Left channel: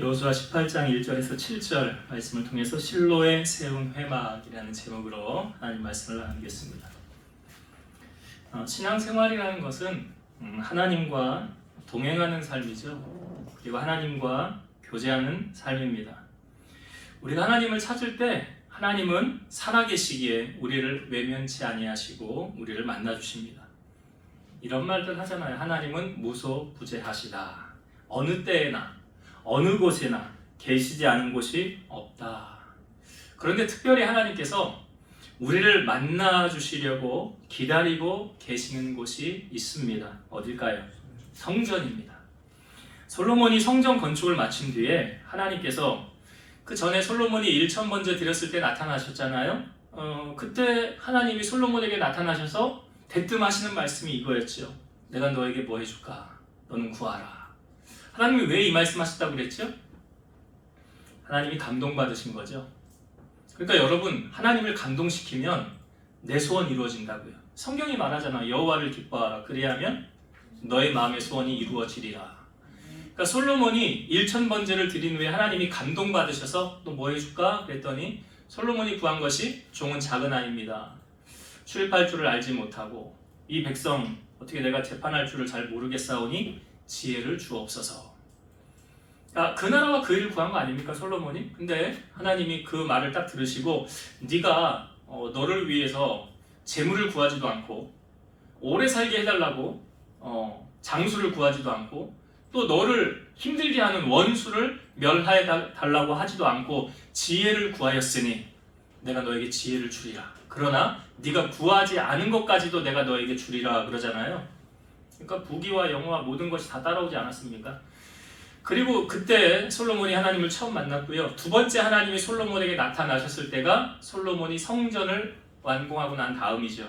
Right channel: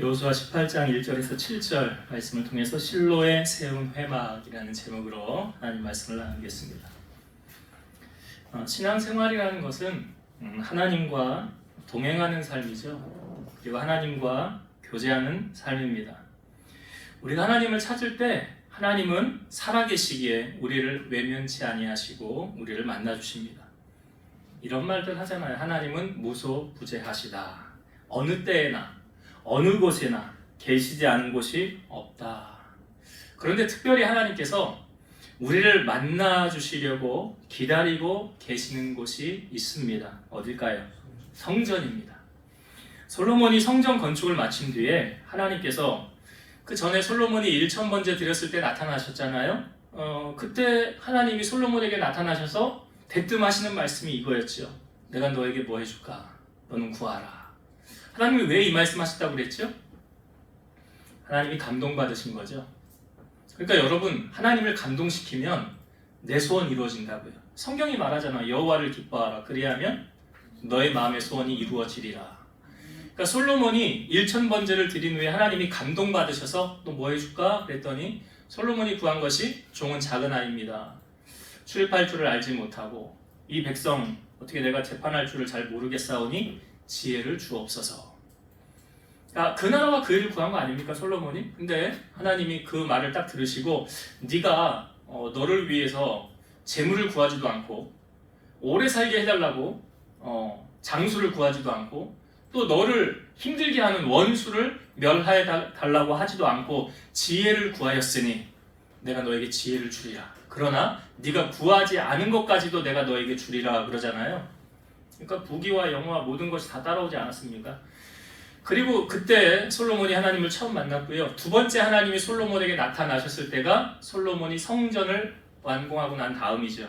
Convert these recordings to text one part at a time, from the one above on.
여호수아 18장 1절에서 7절 말씀을 통해서 실로의 세운 회막이라는 제목으로 하나님 말씀을 나누겠습니다. 신앙생활이라는 것은 하나님과 동행하는 삶이죠. 그리고 하나님과 교제하는 삶입니다. 우리가 하나님을 찾을 때 하나님은 살아계시기에 우리를 외면치 아니하시고 우리를 만나주십니다. 이런 말들 하잖아요. 하나님은 무소부재하시다. 어느 때에나 어느 곳에나 계시지 않은 곳이 없다. 그런데 특별히 하나님께서 우리를 만나주시려고 기다리고 계시는 곳이 있습니다. 어딜까요? 성전입니다. 솔로몬이 성전 건축을 마친 뒤에 하나님께서 그 전에 솔로몬이 1,000번째 드렸을 때 나타나셨잖아요. 그때 하나님이 솔로몬에게 나타나셔서 대뜸 하시는 말씀이 이거였죠. 내가 너에게 뭐 해줄까? 너는 구하라. 하나님이 왜 이 말씀 하셨다고 그랬죠? 하나님이 감동받으신 거죠. 그러니까 여러분, 하나님을 감동시키면 내 소원 이루어진다고요. 성경이 말하잖아. 여호와를 기뻐하라. 그리하면 너의 마음의 소원이 이루어지리라. 그러니까 솔로몬이 1,000번째를 드린 후에 하나님이 감동받으셔서 또 뭐 해줄까? 그랬더니 솔로몬이 구한 것이 종은 작은 아이입니다. 출입할 줄을 알지 못하고 이 백성 어떻게 내가 재판할 줄을 잘 모르겠사오니 지혜를 주옵소서. 그 나라와 그 일을 구한 거 아닙니까, 솔로몬이? 근데 하나님이 그 말을 딱 들으시고 네가 너를 위해서 재물을 구하지도 않고 오래 살게 해달라고 장수를 구하지도 않고 또 너를 힘들게 하는 원수를 멸하여 달라고 하지도 않고 지혜를 구하였으니 내가 너에게 지혜를 주리라. 그러나 네가 구하지 않은 것까지도 내가 너에게 주리라 그러잖아요. 그러니까 부귀와 영화와 모든 것이 다 따라오지 않았습니까? 그리고 그때 솔로몬이 하나님을 처음 만났고요. 두 번째 하나님이 솔로몬에게 나타나셨을 때가 솔로몬이 성전을 완공하고 난 다음이죠.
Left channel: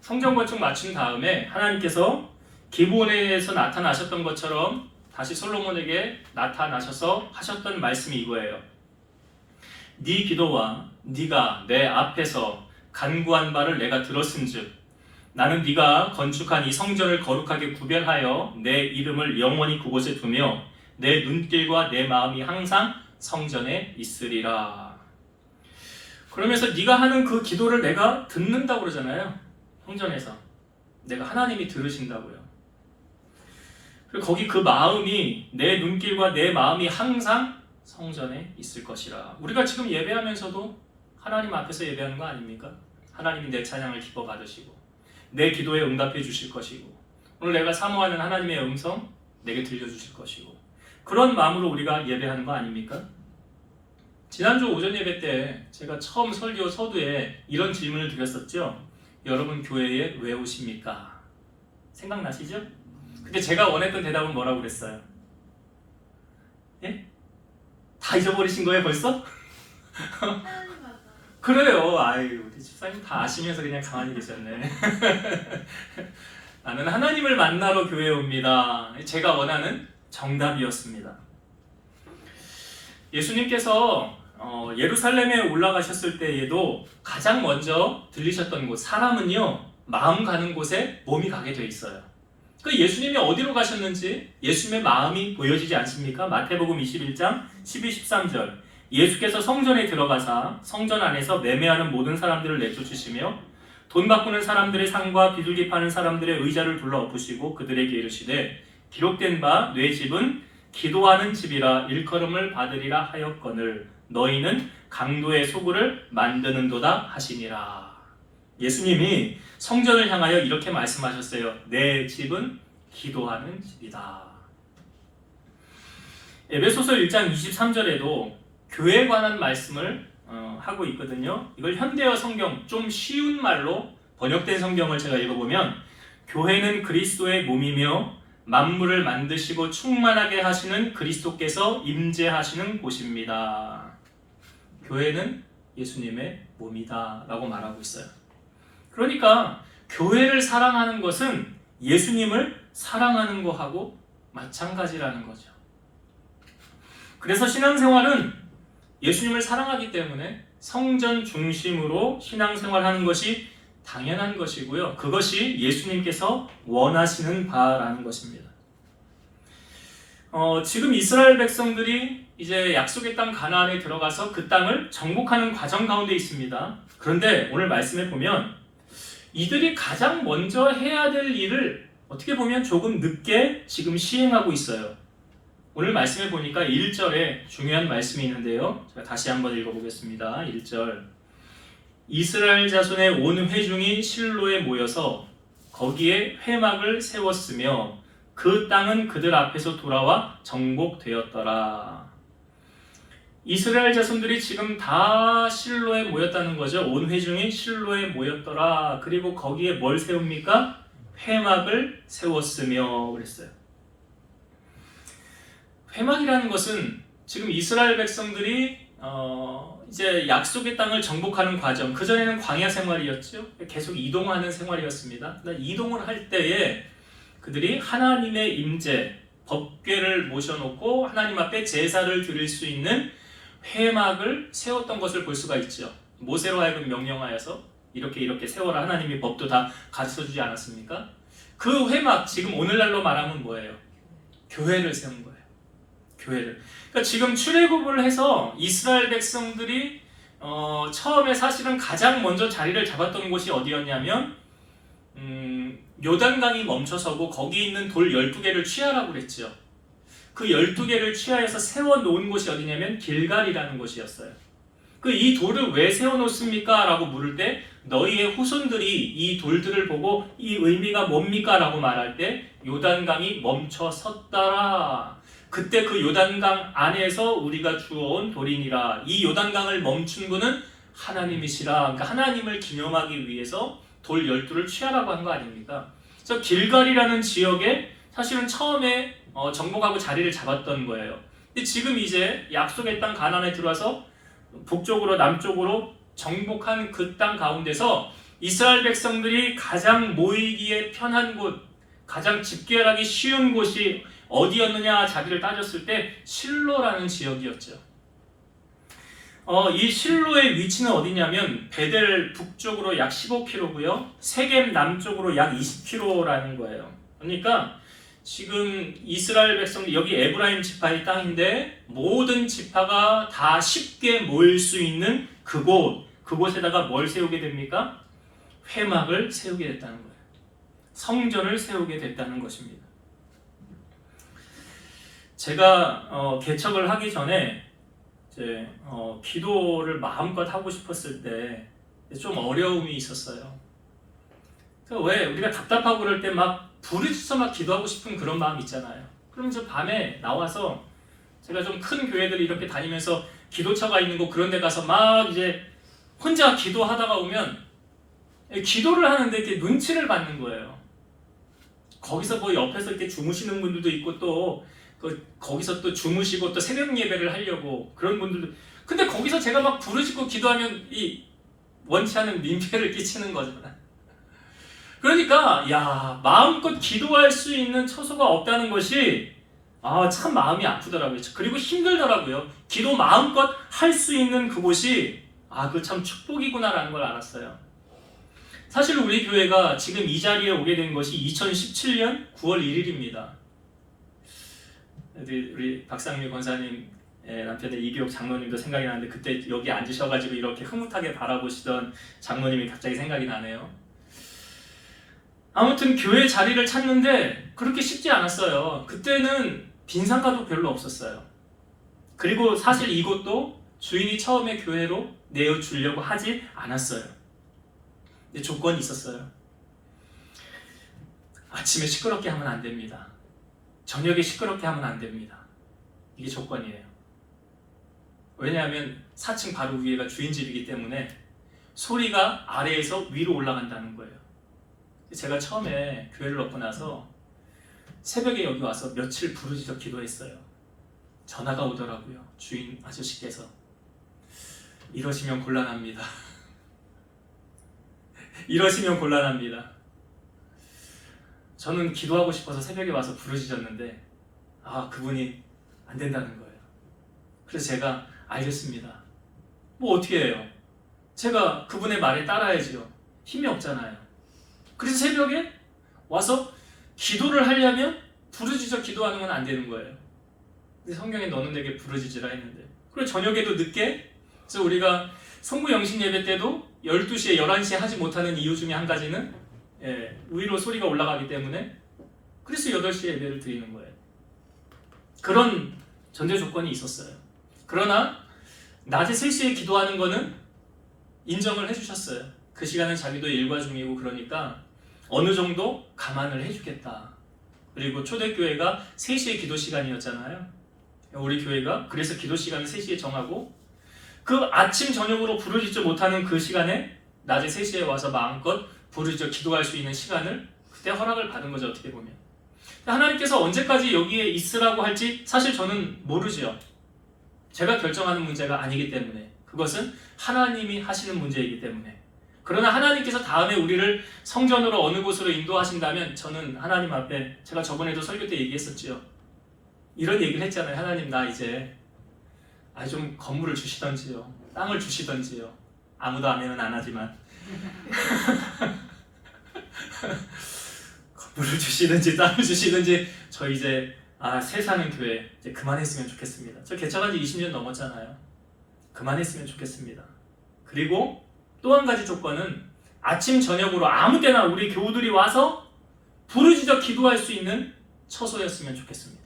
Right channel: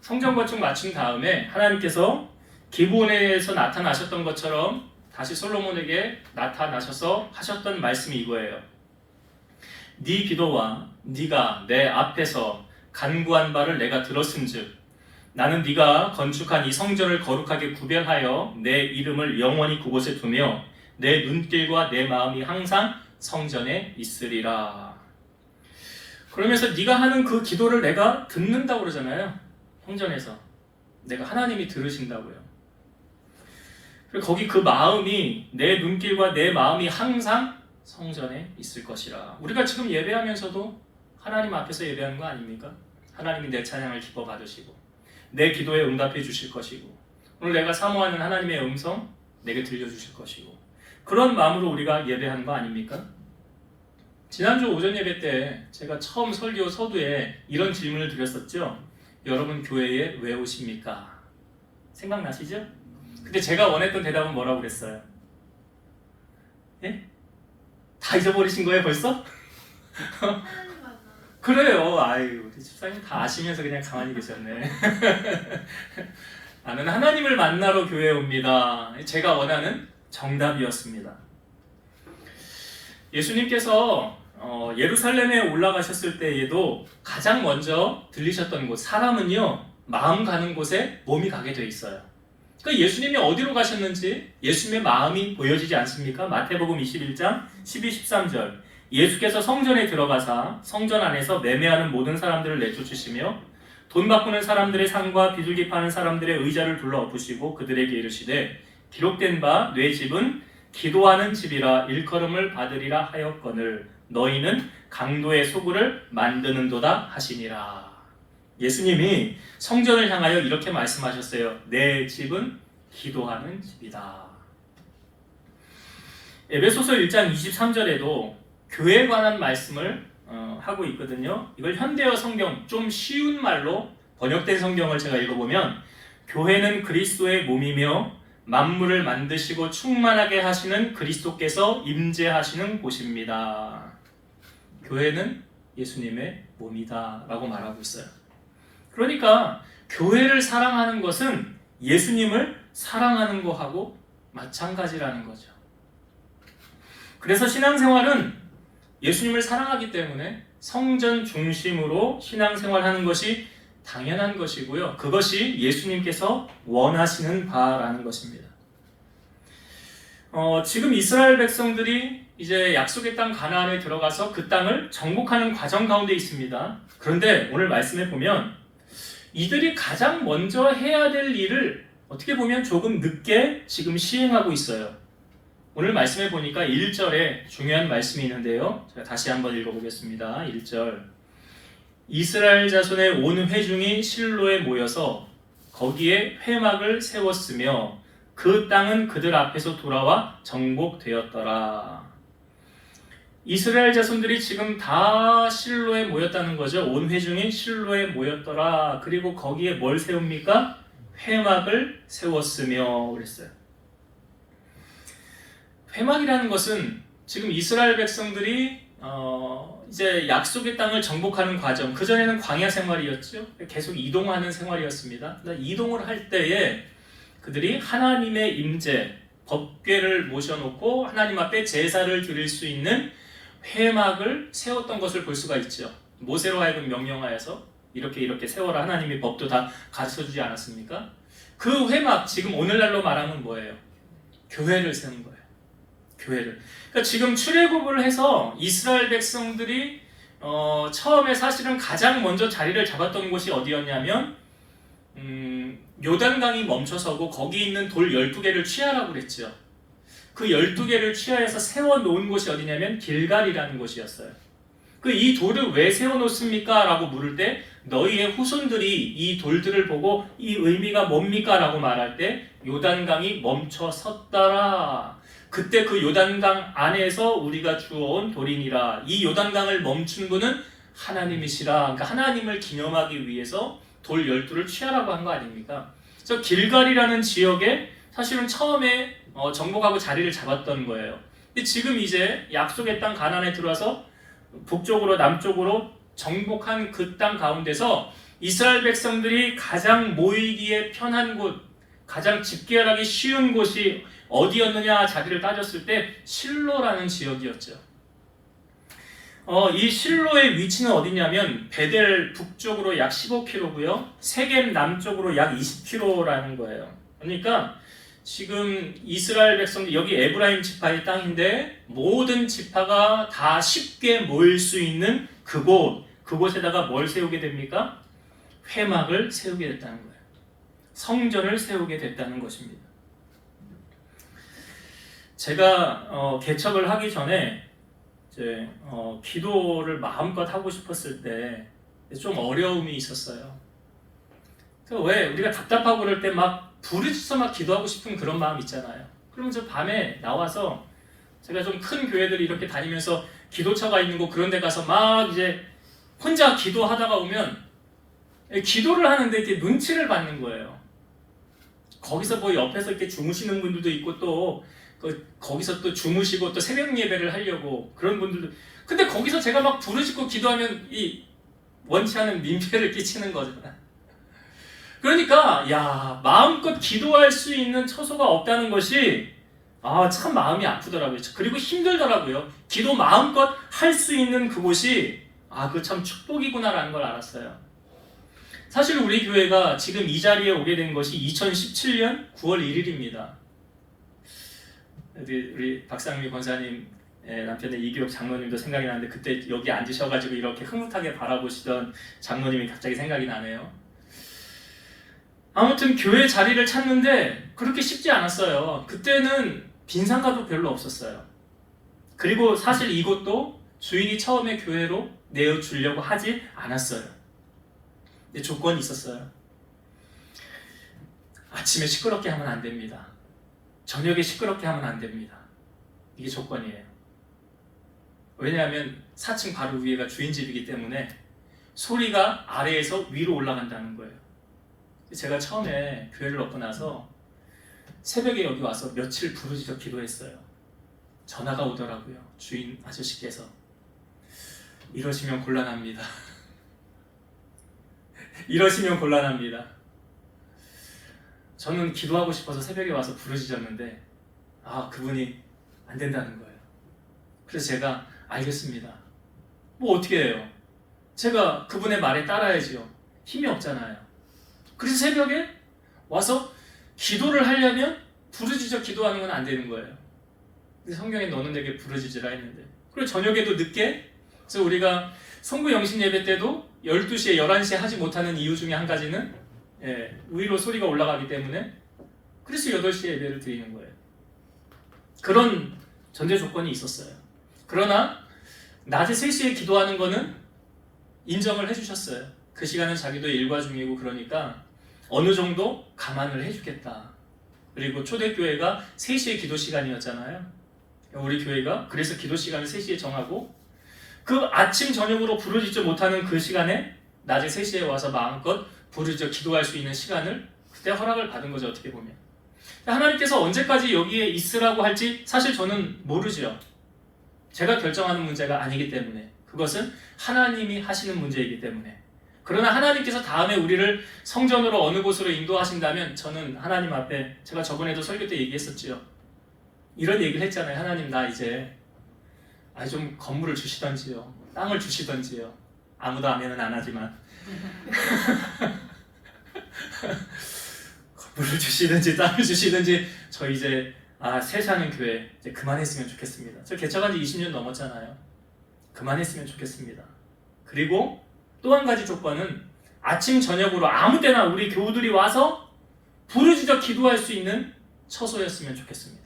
성전 건축 마친 다음에 하나님께서 기브온에서 나타나셨던 것처럼 다시 솔로몬에게 나타나셔서 하셨던 말씀이 이거예요. 네 기도와 네가 내 앞에서 간구한 바를 내가 들었음즉 나는 네가 건축한 이 성전을 거룩하게 구별하여 내 이름을 영원히 그곳에 두며 내 눈길과 내 마음이 항상 성전에 있으리라. 그러면서 네가 하는 그 기도를 내가 듣는다고 그러잖아요. 성전에서 내가 하나님이 들으신다고요. 그리고 거기 그 마음이 내 눈길과 내 마음이 항상 성전에 있을 것이라. 우리가 지금 예배하면서도 하나님 앞에서 예배하는 거 아닙니까? 하나님이 내 찬양을 기뻐 받으시고 내 기도에 응답해 주실 것이고 오늘 내가 사모하는 하나님의 음성 내게 들려주실 것이고 그런 마음으로 우리가 예배하는 거 아닙니까? 지난주 오전 예배 때 제가 처음 설교 서두에 이런 질문을 드렸었죠. 여러분 교회에 왜 오십니까? 생각나시죠? 근데 제가 원했던 대답은 뭐라고 그랬어요? 예? 다 잊어버리신 거예요 벌써? 그래요. 아유, 우리 집사님 다 아시면서 그냥 가만히 계셨네. 나는 하나님을 만나러 교회에 옵니다. 제가 원하는 정답이었습니다. 예수님께서 예루살렘에 올라가셨을 때에도 가장 먼저 들리셨던 곳, 사람은요 마음 가는 곳에 몸이 가게 돼 있어요. 그러니까 예수님이 어디로 가셨는지 예수님의 마음이 보여지지 않습니까? 마태복음 21장 12, 13절 예수께서 성전에 들어가사 성전 안에서 매매하는 모든 사람들을 내쫓으시며 돈 바꾸는 사람들의 상과 비둘기 파는 사람들의 의자를 둘러 엎으시고 그들에게 이르시되 기록된 바 내 집은 기도하는 집이라 일컬음을 받으리라 하였거늘 너희는 강도의 소굴을 만드는도다 하시니라. 예수님이 성전을 향하여 이렇게 말씀하셨어요. 내 집은 기도하는 집이다. 에베소서 1장 23절에도 교회에 관한 말씀을 하고 있거든요. 이걸 현대어 성경 좀 쉬운 말로 번역된 성경을 제가 읽어보면 교회는 그리스도의 몸이며 만물을 만드시고 충만하게 하시는 그리스도께서 임재하시는 곳입니다. 교회는 예수님의 몸이다 라고 말하고 있어요. 그러니까 교회를 사랑하는 것은 예수님을 사랑하는 것하고 마찬가지라는 거죠. 그래서 신앙생활은 예수님을 사랑하기 때문에 성전 중심으로 신앙생활하는 것이 당연한 것이고요. 그것이 예수님께서 원하시는 바라는 것입니다. 지금 이스라엘 백성들이 이제 약속의 땅 가나안에 들어가서 그 땅을 정복하는 과정 가운데 있습니다. 그런데 오늘 말씀에 보면 이들이 가장 먼저 해야 될 일을 어떻게 보면 조금 늦게 지금 시행하고 있어요. 오늘 말씀에 보니까 1절에 중요한 말씀이 있는데요. 제가 다시 한번 읽어보겠습니다. 1절. 이스라엘 자손의 온 회중이 실로에 모여서 거기에 회막을 세웠으며 그 땅은 그들 앞에서 돌아와 정복되었더라. 이스라엘 자손들이 지금 다 실로에 모였다는 거죠. 온 회중이 실로에 모였더라. 그리고 거기에 뭘 세웁니까? 회막을 세웠으며 그랬어요. 회막이라는 것은 지금 이스라엘 백성들이 이제 약속의 땅을 정복하는 과정, 그전에는 광야 생활이었죠. 계속 이동하는 생활이었습니다. 이동을 할 때에 그들이 하나님의 임재, 법궤를 모셔놓고 하나님 앞에 제사를 드릴 수 있는 회막을 세웠던 것을 볼 수가 있죠. 모세로 하여금 명령하여서 이렇게 세워라. 하나님의 법도 다 가르쳐주지 않았습니까? 그 회막, 지금 오늘날로 말하면 뭐예요? 교회를 세운 거예요. 교회를. 그러니까 지금 출애굽을 해서 이스라엘 백성들이 처음에 사실은 가장 먼저 자리를 잡았던 곳이 어디였냐면 요단강이 멈춰서고 거기 있는 돌 12개를 취하라고 그랬죠. 그 12개를 취하여서 세워놓은 곳이 어디냐면 길갈이라는 곳이었어요. 이 돌을 왜 세워놓습니까? 라고 물을 때 너희의 후손들이 이 돌들을 보고 이 의미가 뭡니까? 라고 말할 때 요단강이 멈춰 섰더라. 그때 그 요단강 안에서 우리가 주워온 돌이니라. 이 요단강을 멈춘 분은 하나님이시라. 그러니까 하나님을 기념하기 위해서 돌 12를 취하라고 한 거 아닙니까? 그래서 길갈이라는 지역에 사실은 처음에 정복하고 자리를 잡았던 거예요. 근데 지금 이제 약속의 땅 가나안에 들어와서 북쪽으로 남쪽으로 정복한 그 땅 가운데서 이스라엘 백성들이 가장 모이기에 편한 곳, 가장 집결하기 쉬운 곳이 어디였느냐 자기를 따졌을 때 실로라는 지역이었죠. 이 실로의 위치는 어디냐면 베델 북쪽으로 약 15km고요. 세겜 남쪽으로 약 20km라는 거예요. 그러니까 지금 이스라엘 백성들, 여기 에브라임 지파의 땅인데 모든 지파가 다 쉽게 모일 수 있는 그곳에다가 뭘 세우게 됩니까? 회막을 세우게 됐다는 거예요. 성전을 세우게 됐다는 것입니다. 제가 개척을 하기 전에 이제 기도를 마음껏 하고 싶었을 때 좀 어려움이 있었어요. 왜 우리가 답답하고 그럴 때 막 부르짖어 막 기도하고 싶은 그런 마음 있잖아요. 그럼 저 밤에 나와서 제가 좀 큰 교회들 이렇게 다니면서 기도처가 있는 곳 그런 데 가서 막 이제 혼자 기도하다가 오면 기도를 하는데 이렇게 눈치를 받는 거예요. 거기서 뭐 옆에서 이렇게 주무시는 분들도 있고 또 거기서 또 주무시고 또 새벽 예배를 하려고 그런 분들도. 근데 거기서 제가 막 부르짖고 기도하면 이 원치 않은 민폐를 끼치는 거잖아요. 그러니까 마음껏 기도할 수 있는 처소가 없다는 것이 참 마음이 아프더라고요. 그리고 힘들더라고요. 기도 마음껏 할 수 있는 그곳이 그 참 축복이구나라는 걸 알았어요. 사실 우리 교회가 지금 이 자리에 오게 된 것이 2017년 9월 1일입니다. 우리 박상미 권사님 남편의 이기옥 장로님도 생각이 나는데 그때 여기 앉으셔가지고 이렇게 흐뭇하게 바라보시던 장로님이 갑자기 생각이 나네요. 아무튼 교회 자리를 찾는데 그렇게 쉽지 않았어요. 그때는 빈상가도 별로 없었어요. 그리고 사실 이곳도 주인이 처음에 교회로 내어주려고 하지 않았어요. 근데 조건이 있었어요. 아침에 시끄럽게 하면 안 됩니다. 저녁에 시끄럽게 하면 안 됩니다. 이게 조건이에요. 왜냐하면 4층 바로 위에가 주인 집이기 때문에 소리가 아래에서 위로 올라간다는 거예요. 제가 처음에 교회를 얻고 나서 새벽에 여기 와서 며칠 부르짖어 기도했어요. 전화가 오더라고요. 주인 아저씨께서 이러시면 곤란합니다. 이러시면 곤란합니다. 저는 기도하고 싶어서 새벽에 와서 부르짖었는데 그분이 안 된다는 거예요. 그래서 제가 알겠습니다. 뭐 어떻게 해요? 제가 그분의 말에 따라야지요. 힘이 없잖아요. 그래서 새벽에 와서 기도를 하려면 부르짖어 기도하는 건 안 되는 거예요. 근데 성경에 너는 내게 부르짖으라 했는데, 그리고 저녁에도 늦게, 그래서 우리가 성부 영신 예배 때도 12시에 11시에 하지 못하는 이유 중에 한 가지는 위로 소리가 올라가기 때문에, 그래서 8시에 예배를 드리는 거예요. 그런 전제 조건이 있었어요. 그러나 낮에 3시에 기도하는 거는 인정을 해주셨어요. 그 시간은 자기도 일과 중이고 그러니까 어느 정도 감안을 해주겠다. 그리고 초대교회가 3시에 기도 시간이었잖아요. 우리 교회가 그래서 기도 시간을 3시에 정하고, 그 아침 저녁으로 부르짖지 못하는 그 시간에 낮에 3시에 와서 마음껏 부르짖어 기도할 수 있는 시간을 그때 허락을 받은 거죠. 어떻게 보면 하나님께서 언제까지 여기에 있으라고 할지 사실 저는 모르죠. 제가 결정하는 문제가 아니기 때문에, 그것은 하나님이 하시는 문제이기 때문에. 그러나 하나님께서 다음에 우리를 성전으로 어느 곳으로 인도하신다면, 저는 하나님 앞에, 제가 저번에도 설교 때 얘기했었죠. 이런 얘기를 했잖아요. 하나님, 나 이제 좀 건물을 주시던지요, 땅을 주시던지요. 아무도 아멘은 안 하지만 건물을 주시든지 땅을 주시든지, 저 이제 세상의 교회 이제 그만했으면 좋겠습니다. 저 개척한 지 20년 넘었잖아요. 그만했으면 좋겠습니다. 그리고 또 한 가지 조건은 아침 저녁으로 아무 때나 우리 교우들이 와서 부르짖어 기도할 수 있는 처소였으면 좋겠습니다.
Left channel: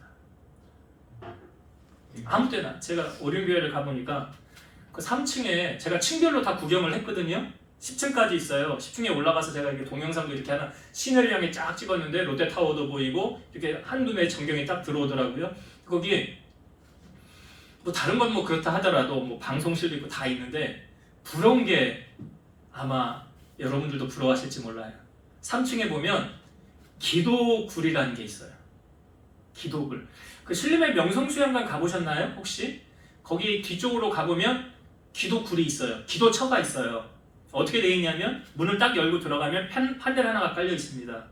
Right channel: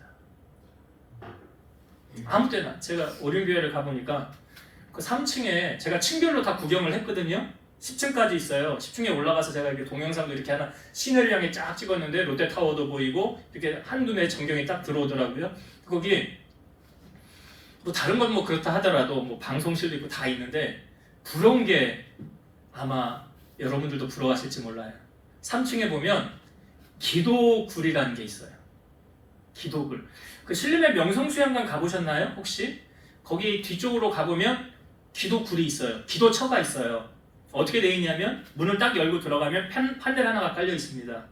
아무 때나. 제가 오륜교회를 가보니까 그 3층에 제가 층별로 다 구경을 했거든요. 10층까지 있어요. 10층에 올라가서 제가 이렇게 동영상도 이렇게 하나 시내를 향해 쫙 찍었는데, 롯데타워도 보이고 이렇게 한눈에 전경이 딱 들어오더라고요. 거기 뭐 다른 건 뭐 그렇다 하더라도 뭐 방송실도 있고 다 있는데, 부러운 게 아마 여러분들도 부러워하실지 몰라요. 3층에 보면 기도굴이라는 게 있어요. 기도굴. 그 신림의 명성수양관 가보셨나요? 혹시? 거기 뒤쪽으로 가보면 기도굴이 있어요. 기도처가 있어요. 어떻게 되어 있냐면 문을 딱 열고 들어가면 판넬 하나가 깔려 있습니다.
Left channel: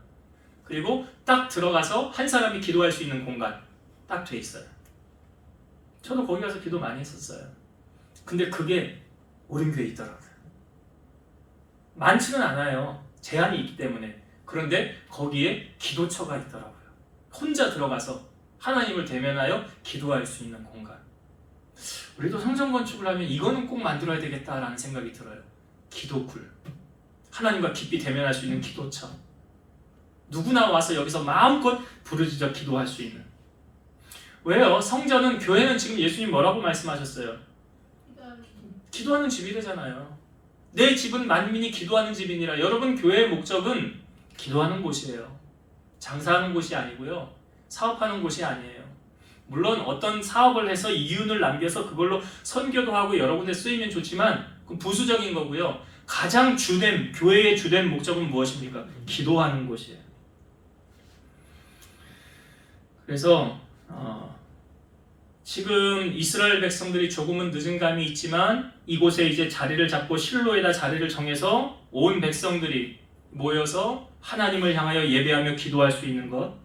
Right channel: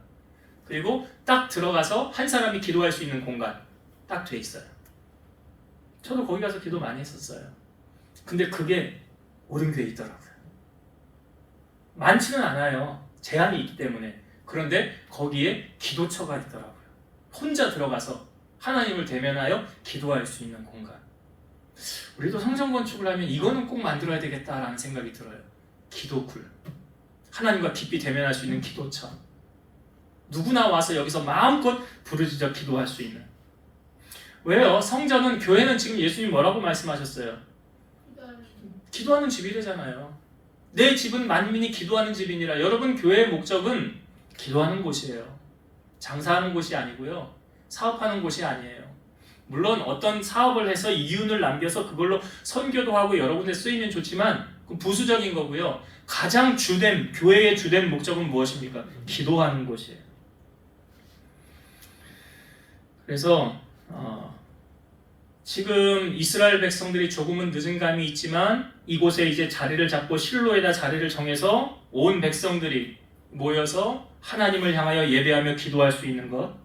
그리고 딱 들어가서 한 사람이 기도할 수 있는 공간 딱 돼 있어요. 저도 거기 가서 기도 많이 했었어요. 근데 그게 오륜교회에 있더라고요. 많지는 않아요. 제한이 있기 때문에. 그런데 거기에 기도처가 있더라고요. 혼자 들어가서 하나님을 대면하여 기도할 수 있는 공간. 우리도 성전 건축을 하면 이거는 꼭 만들어야 되겠다라는 생각이 들어요. 기도굴. 하나님과 깊이 대면할 수 있는 기도처. 누구나 와서 여기서 마음껏 부르짖어 기도할 수 있는. 왜요? 성전은, 교회는 지금 예수님 뭐라고 말씀하셨어요? 기도하는 집이래잖아요. 내 집은 만민이 기도하는 집이니라. 여러분, 교회의 목적은 기도하는 곳이에요. 장사하는 곳이 아니고요. 사업하는 곳이 아니에요. 물론 어떤 사업을 해서 이윤을 남겨서 그걸로 선교도 하고 여러 군데 쓰이면 좋지만 그건 부수적인 거고요. 가장 주된, 교회의 주된 목적은 무엇입니까? 기도하는 곳이에요. 그래서 지금 이스라엘 백성들이 조금은 늦은 감이 있지만 이곳에 이제 자리를 잡고 실로에다 자리를 정해서 온 백성들이 모여서 하나님을 향하여 예배하며 기도할 수 있는 것,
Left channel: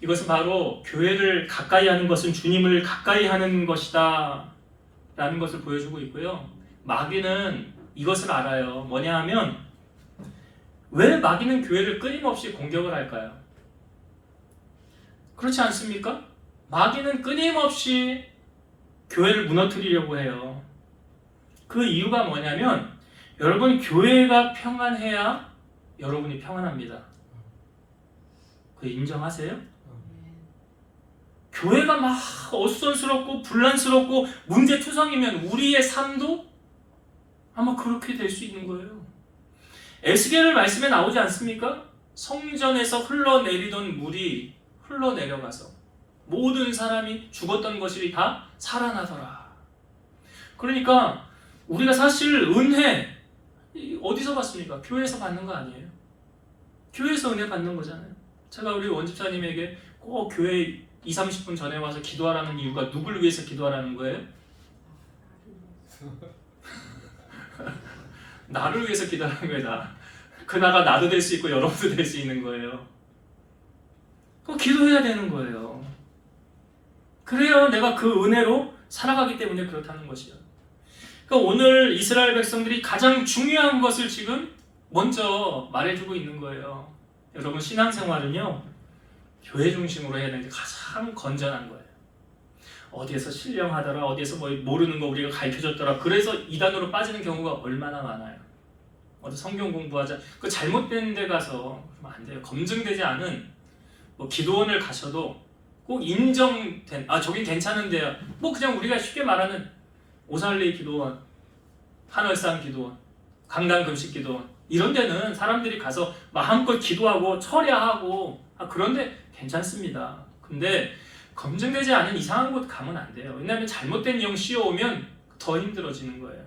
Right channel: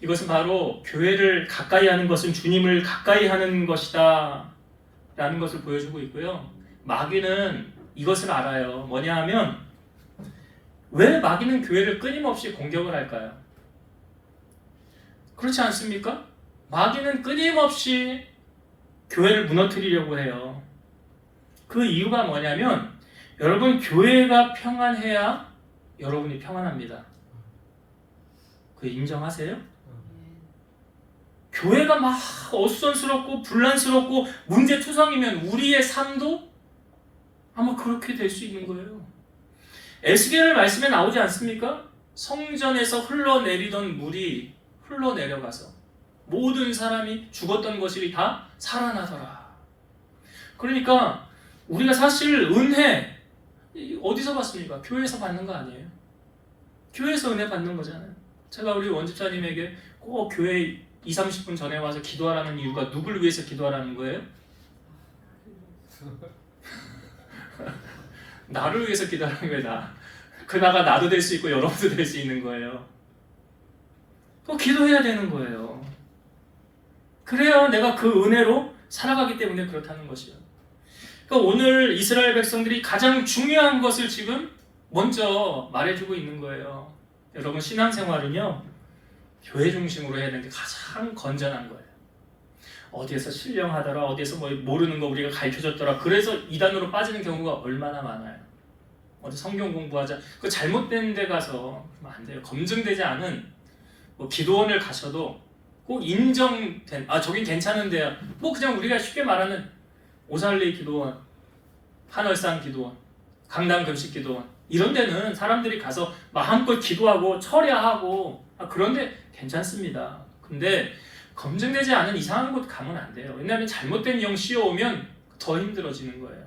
이것은 바로 교회를 가까이 하는 것은 주님을 가까이 하는 것이다 라는 것을 보여주고 있고요. 마귀는 이것을 알아요. 뭐냐 하면, 왜 마귀는 교회를 끊임없이 공격을 할까요? 그렇지 않습니까? 마귀는 끊임없이 교회를 무너뜨리려고 해요. 그 이유가 뭐냐면, 여러분, 교회가 평안해야 여러분이 평안합니다. 그 인정하세요? 교회가 막 어수선스럽고 분란스럽고 문제투성이면 우리의 삶도 아마 그렇게 될 수 있는 거예요. 에스겔 말씀에 나오지 않습니까? 성전에서 흘러내리던 물이 흘러내려가서 모든 사람이 죽었던 것이 다 살아나더라. 그러니까 우리가 사실 은혜 어디서 받습니까? 교회에서 받는 거 아니에요? 교회에서 은혜 받는 거잖아요. 제가 우리 원집사님에게 꼭 교회 20-30분 전에 와서 기도하라는 이유가 누굴 위해서 기도하라는 거예요? 나를 위해서 기도하는 거예요. 그 나가 나도 될 수 있고 여러분도 될 수 있는 거예요. 꼭 기도해야 되는 거예요. 그래야 내가 그 은혜로 살아가기 때문에 그렇다는 것이요. 그러니까 오늘 이스라엘 백성들이 가장 중요한 것을 지금 먼저 말해주고 있는 거예요. 여러분, 신앙생활은요, 교회 중심으로 해야 되는 게 가장 건전한 거예요. 어디에서 신령하더라, 어디에서 뭐 모르는 거 우리가 가르쳐줬더라. 그래서 이단으로 빠지는 경우가 얼마나 많아요. 어디 성경 공부하자. 그 잘못된 데 가서 그러면 안 돼요. 검증되지 않은 뭐 기도원을 가셔도 꼭 인정된, 저긴 괜찮은데요. 뭐 그냥 우리가 쉽게 말하는 오살리 기도원, 한월산 기도원, 강당 금식 기도원, 이런 데는 사람들이 가서 마음껏 기도하고 철야하고 그런데 괜찮습니다. 근데 검증되지 않은 이상한 곳 가면 안 돼요. 왜냐하면 잘못된 영 씌워오면 더 힘들어지는 거예요.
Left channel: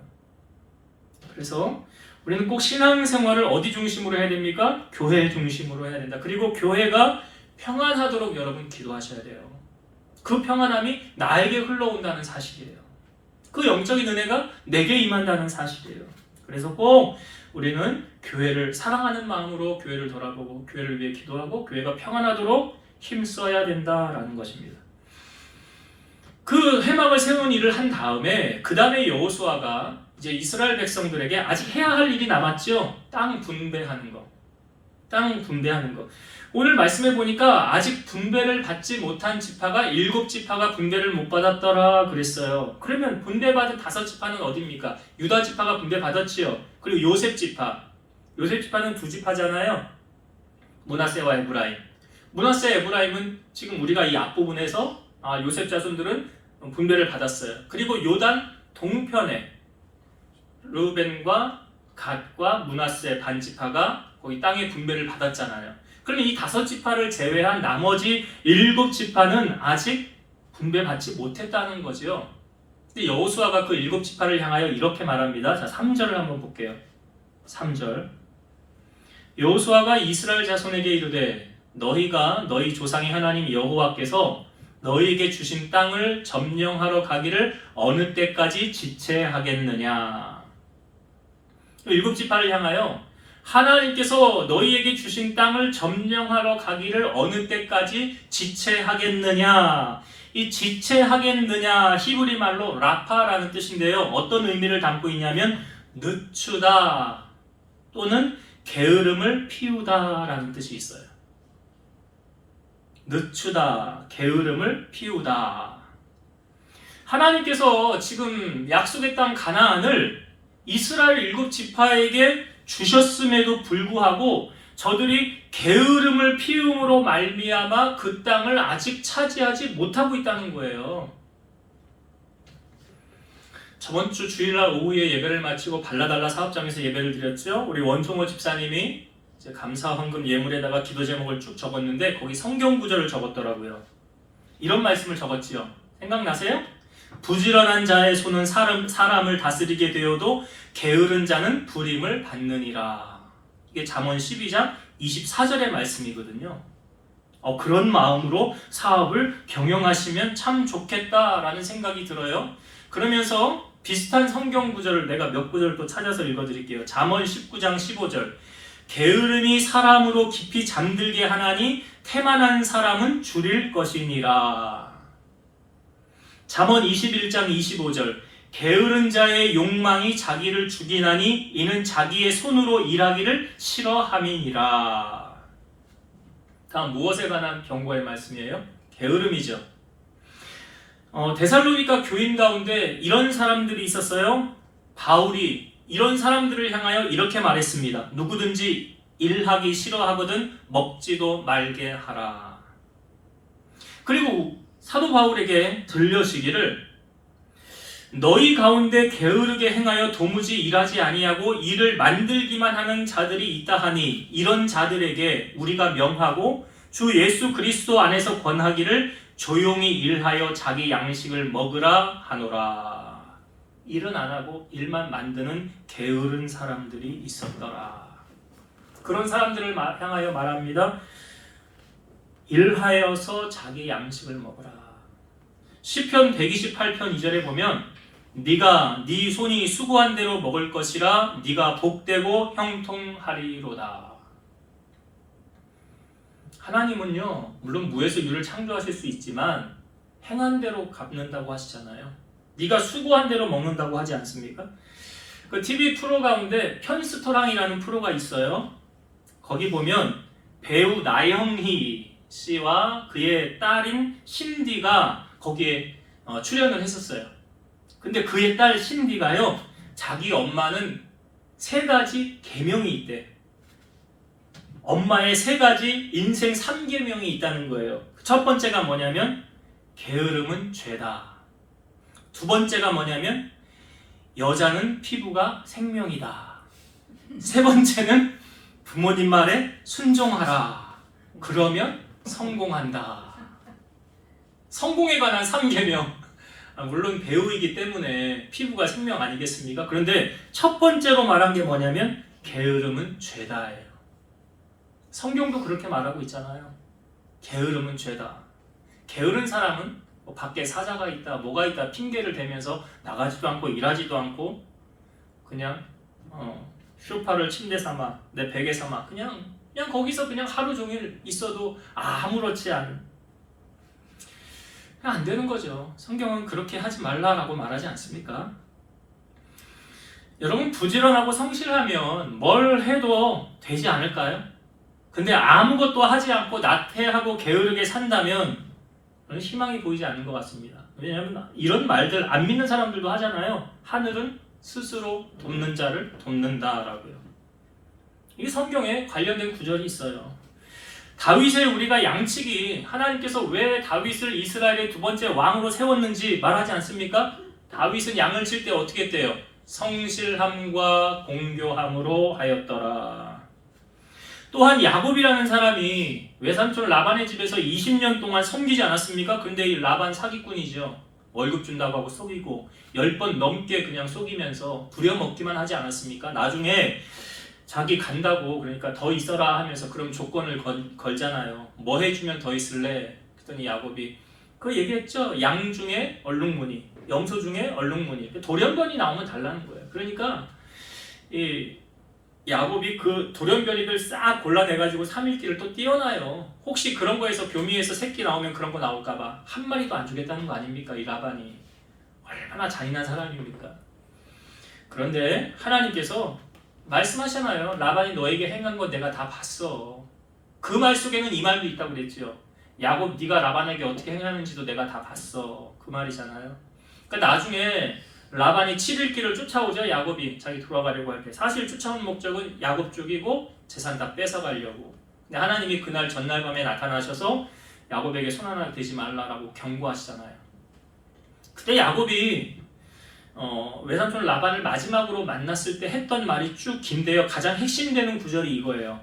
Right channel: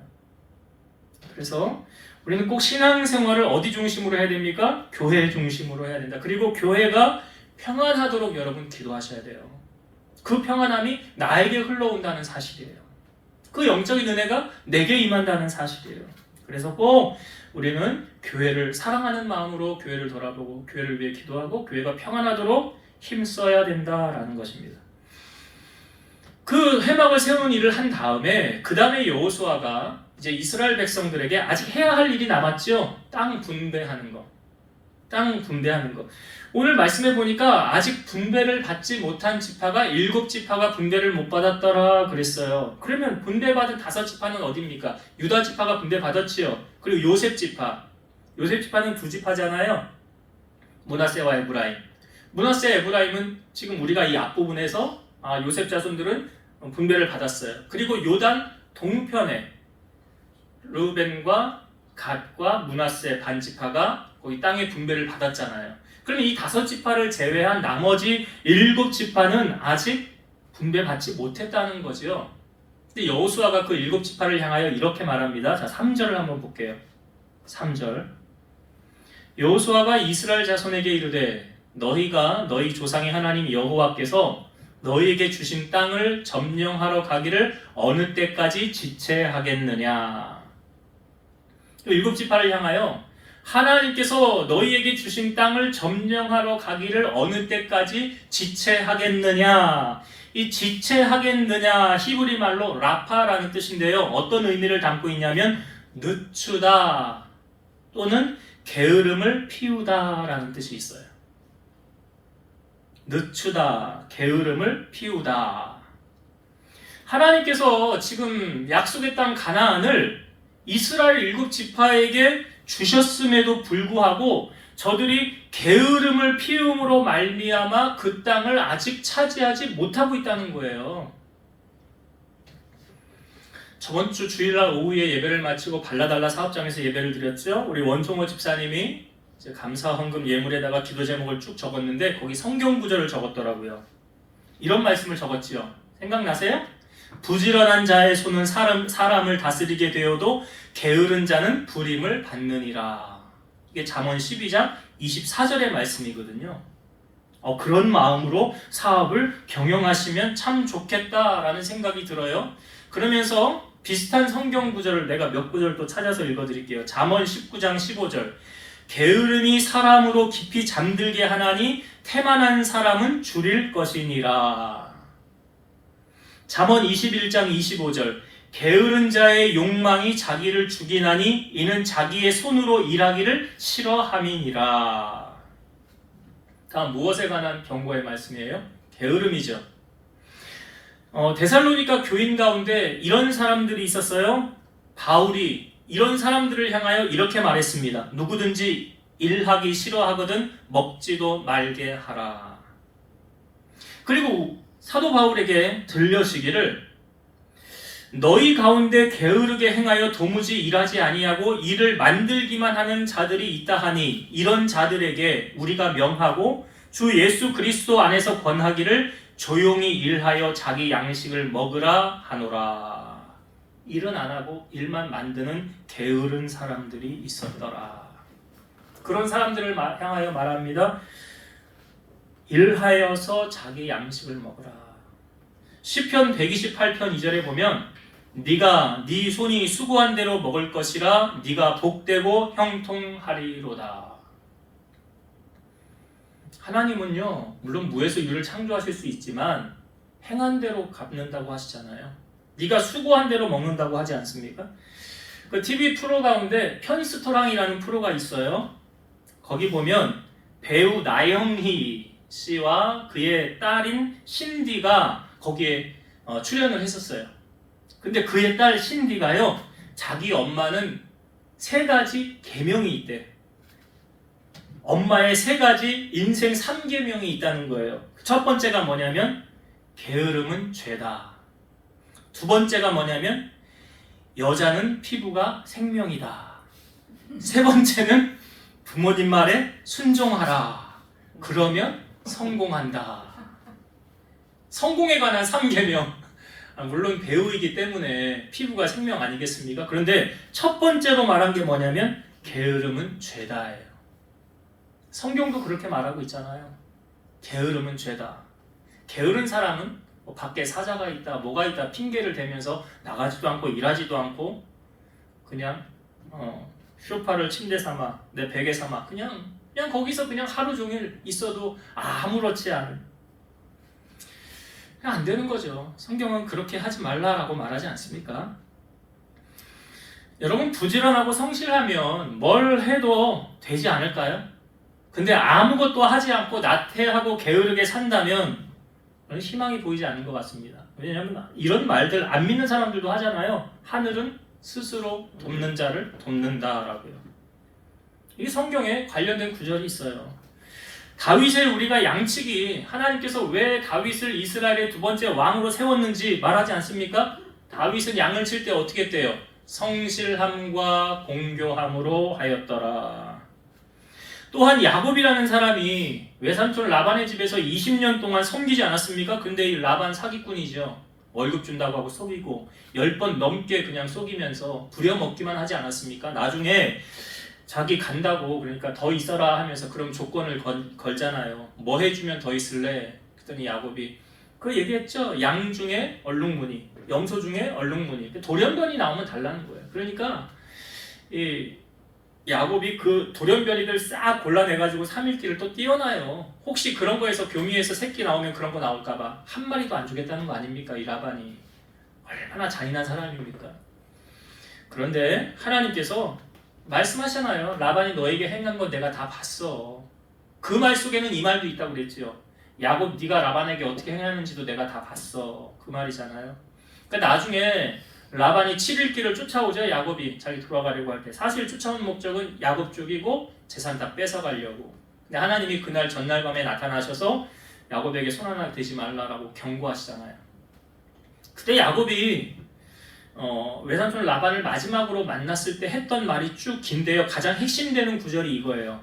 그래서 우리는 꼭 신앙생활을 어디 중심으로 해야 됩니까? 교회 중심으로 해야 된다. 그리고 교회가 평안하도록 여러분 기도하셔야 돼요. 그 평안함이 나에게 흘러온다는 사실이에요. 그 영적인 은혜가 내게 임한다는 사실이에요. 그래서 꼭 우리는 교회를 사랑하는 마음으로 교회를 돌아보고 교회를 위해 기도하고 교회가 평안하도록 힘써야 된다라는 것입니다. 그 회막을 세우는 일을 한 다음에 그 다음에 여호수아가 이제 이스라엘 백성들에게 아직 해야 할 일이 남았죠. 땅 분배하는 거. 오늘 말씀해 보니까 아직 분배를 받지 못한 지파가 7지파가 분배를 못 받았더라 그랬어요. 그러면 분배받은 5지파는 어디입니까? 유다 지파가 분배받았지요. 그리고 요셉 지파는 2지파잖아요. 므낫세와 에브라임. 므낫세, 에브라임은 지금 우리가 이 앞부분에서 요셉 자손들은 분배를 받았어요. 그리고 요단 동편에 르우벤과 갓과 므낫세 반지파가 거기 땅의 분배를 받았잖아요. 그럼 이 5지파를 제외한 나머지 7지파는 아직 분배받지 못했다는 거죠. 근데 여호수아가 그 7지파를 향하여 이렇게 말합니다. 자, 3절을 한번 볼게요. 3절. 여호수아가 이스라엘 자손에게 이르되 너희가 너희 조상의 하나님 여호와께서 너희에게 주신 땅을 점령하러 가기를 어느 때까지 지체하겠느냐. 7지파를 향하여 하나님께서 너희에게 주신 땅을 점령하러 가기를 어느 때까지 지체하겠느냐. 이 지체하겠느냐 히브리 말로 라파라는 뜻인데요. 어떤 의미를 담고 있냐면 늦추다 또는 게으름을 피우다라는 뜻이 있어요. 늦추다, 게으름을 피우다. 하나님께서 지금 약속의 땅 가나안을 이스라엘 7지파에게 주셨음에도 불구하고 저들이 게으름을 피움으로 말미암아 그 땅을 아직 차지하지 못하고 있다는 거예요. 저번 주 주일날 오후에 예배를 마치고 발라달라 사업장에서 예배를 드렸죠. 우리 원종호 집사님이 이제 감사 헌금 예물에다가 기도 제목을 쭉 적었는데 거기 성경 구절을 적었더라고요. 이런 말씀을 적었지요. 생각나세요? 부지런한 자의 손은 사람을 다스리게 되어도 게으른 자는 불임을 받느니라. 이게 잠언 12장 24절의 말씀이거든요. 그런 마음으로 사업을 경영하시면 참 좋겠다라는 생각이 들어요. 그러면서 비슷한 성경 구절을 내가 몇 구절 또 찾아서 읽어드릴게요. 잠언 19장 15절. 게으름이 사람으로 깊이 잠들게 하나니 태만한 사람은 줄일 것이니라. 잠언 21장 25절. 게으른 자의 욕망이 자기를 죽이나니 이는 자기의 손으로 일하기를 싫어함이니라. 다음 무엇에 관한 경고의 말씀이에요? 게으름이죠. 데살로니가 교인 가운데 이런 사람들이 있었어요. 바울이 이런 사람들을 향하여 이렇게 말했습니다. 누구든지 일하기 싫어하거든 먹지도 말게 하라. 그리고 사도 바울에게 들려시기를 너희 가운데 게으르게 행하여 도무지 일하지 아니하고 일을 만들기만 하는 자들이 있다 하니 이런 자들에게 우리가 명하고 주 예수 그리스도 안에서 권하기를 조용히 일하여 자기 양식을 먹으라 하노라. 일은 안 하고 일만 만드는 게으른 사람들이 있었더라. 그런 사람들을 향하여 말합니다. 일하여서 자기 양식을 먹으라. 시편 128편 2절에 보면 네가 네 손이 수고한 대로 먹을 것이라 네가 복되고 형통하리로다. 하나님은요, 물론 무에서 유를 창조하실 수 있지만 행한 대로 갚는다고 하시잖아요. 네가 수고한 대로 먹는다고 하지 않습니까? 그 TV 프로 가운데 편스토랑이라는 프로가 있어요. 거기 보면 배우 나영희 씨와 그의 딸인 신디가 거기에 출연을 했었어요. 근데 그의 딸 신디가요, 자기 엄마는 3가지 계명이 있대. 엄마의 3가지 인생 3계명이 있다는 거예요. 첫 번째가 뭐냐면 게으름은 죄다. 두 번째가 뭐냐면 여자는 피부가 생명이다. 세 번째는 부모님 말에 순종하라. 그러면 성공한다. 성공에 관한 3계명. 물론 배우이기 때문에 피부가 생명 아니겠습니까? 그런데 첫 번째로 말한 게 뭐냐면 게으름은 죄다예요. 성경도 그렇게 말하고 있잖아요. 게으름은 죄다. 게으른 사람은 밖에 사자가 있다, 뭐가 있다 핑계를 대면서 나가지도 않고 일하지도 않고 그냥 소파를 침대 삼아, 내 베개 삼아 그냥 거기서 그냥 하루 종일 있어도 아무렇지 않은, 그냥 안 되는 거죠. 성경은 그렇게 하지 말라라고 말하지 않습니까? 여러분, 부지런하고 성실하면 뭘 해도 되지 않을까요? 근데 아무것도 하지 않고 나태하고 게으르게 산다면 희망이 보이지 않는 것 같습니다. 왜냐하면 이런 말들 안 믿는 사람들도 하잖아요. 하늘은 스스로 돕는 자를 돕는다라고요. 이게 성경에 관련된 구절이 있어요. 다윗을 우리가 양치기, 하나님께서 왜 다윗을 이스라엘의 2번째 왕으로 세웠는지 말하지 않습니까? 다윗은 양을 칠 때 어떻게 했대요? 성실함과 공교함으로 하였더라. 또한 야곱이라는 사람이 외삼촌 라반의 집에서 20년 동안 섬기지 않았습니까? 근데 이 라반 사기꾼이죠. 월급 준다고 하고 속이고 10번 넘게 그냥 속이면서 부려먹기만 하지 않았습니까? 나중에 자기 간다고, 그러니까 더 있어라 하면서 그럼 조건을 걸잖아요. 뭐 해주면 더 있을래? 그랬더니 야곱이 그 얘기했죠. 양 중에 얼룩무늬, 염소 중에 얼룩무늬. 돌연변이 나오면 달라는 거예요. 그러니까 이 야곱이 그 돌연변이를 싹 골라내가지고 3일길을 또 띄워놔요. 혹시 그런 거에서 교미에서 새끼 나오면 그런 거 나올까봐 한 마리도 안 주겠다는 거 아닙니까? 이 라반이 얼마나 잔인한 사람입니까? 그런데 하나님께서 말씀하셨잖아요. 라반이 너에게 행한 건 내가 다 봤어. 그 말 속에는 이 말도 있다고 그랬지요. 야곱, 네가 라반에게 어떻게 행하는지도 내가 다 봤어. 그 말이잖아요. 그러니까 나중에 라반이 7일 길을 쫓아오죠. 야곱이 자기 돌아가려고 할 때. 사실 쫓아온 목적은 야곱 쪽이고 재산 다 뺏어가려고. 근데 하나님이 그날 전날 밤에 나타나셔서 야곱에게 손 하나 대지 말라라고 경고하시잖아요. 그때 야곱이 외삼촌 라반을 마지막으로 만났을 때 했던 말이 쭉 긴데요. 가장 핵심되는 구절이 이거예요.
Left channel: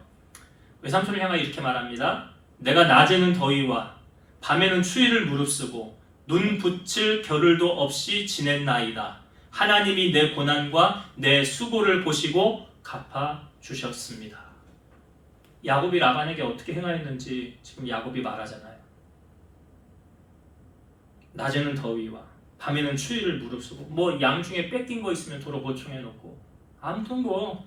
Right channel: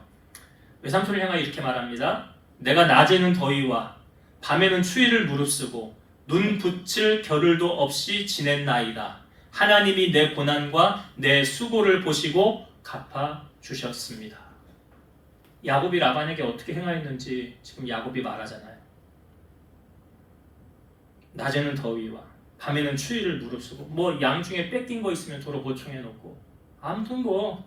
외삼촌을 향하여 이렇게 말합니다. 내가 낮에는 더위와 밤에는 추위를 무릅쓰고 눈 붙일 겨를도 없이 지냈나이다. 하나님이 내 고난과 내 수고를 보시고 갚아주셨습니다. 야곱이 라반에게 어떻게 행하였는지 지금 야곱이 말하잖아요. 낮에는 더위와 밤에는 추위를 무릅쓰고 뭐 양 중에 뺏긴 거 있으면 도로 보충해놓고 아무튼 뭐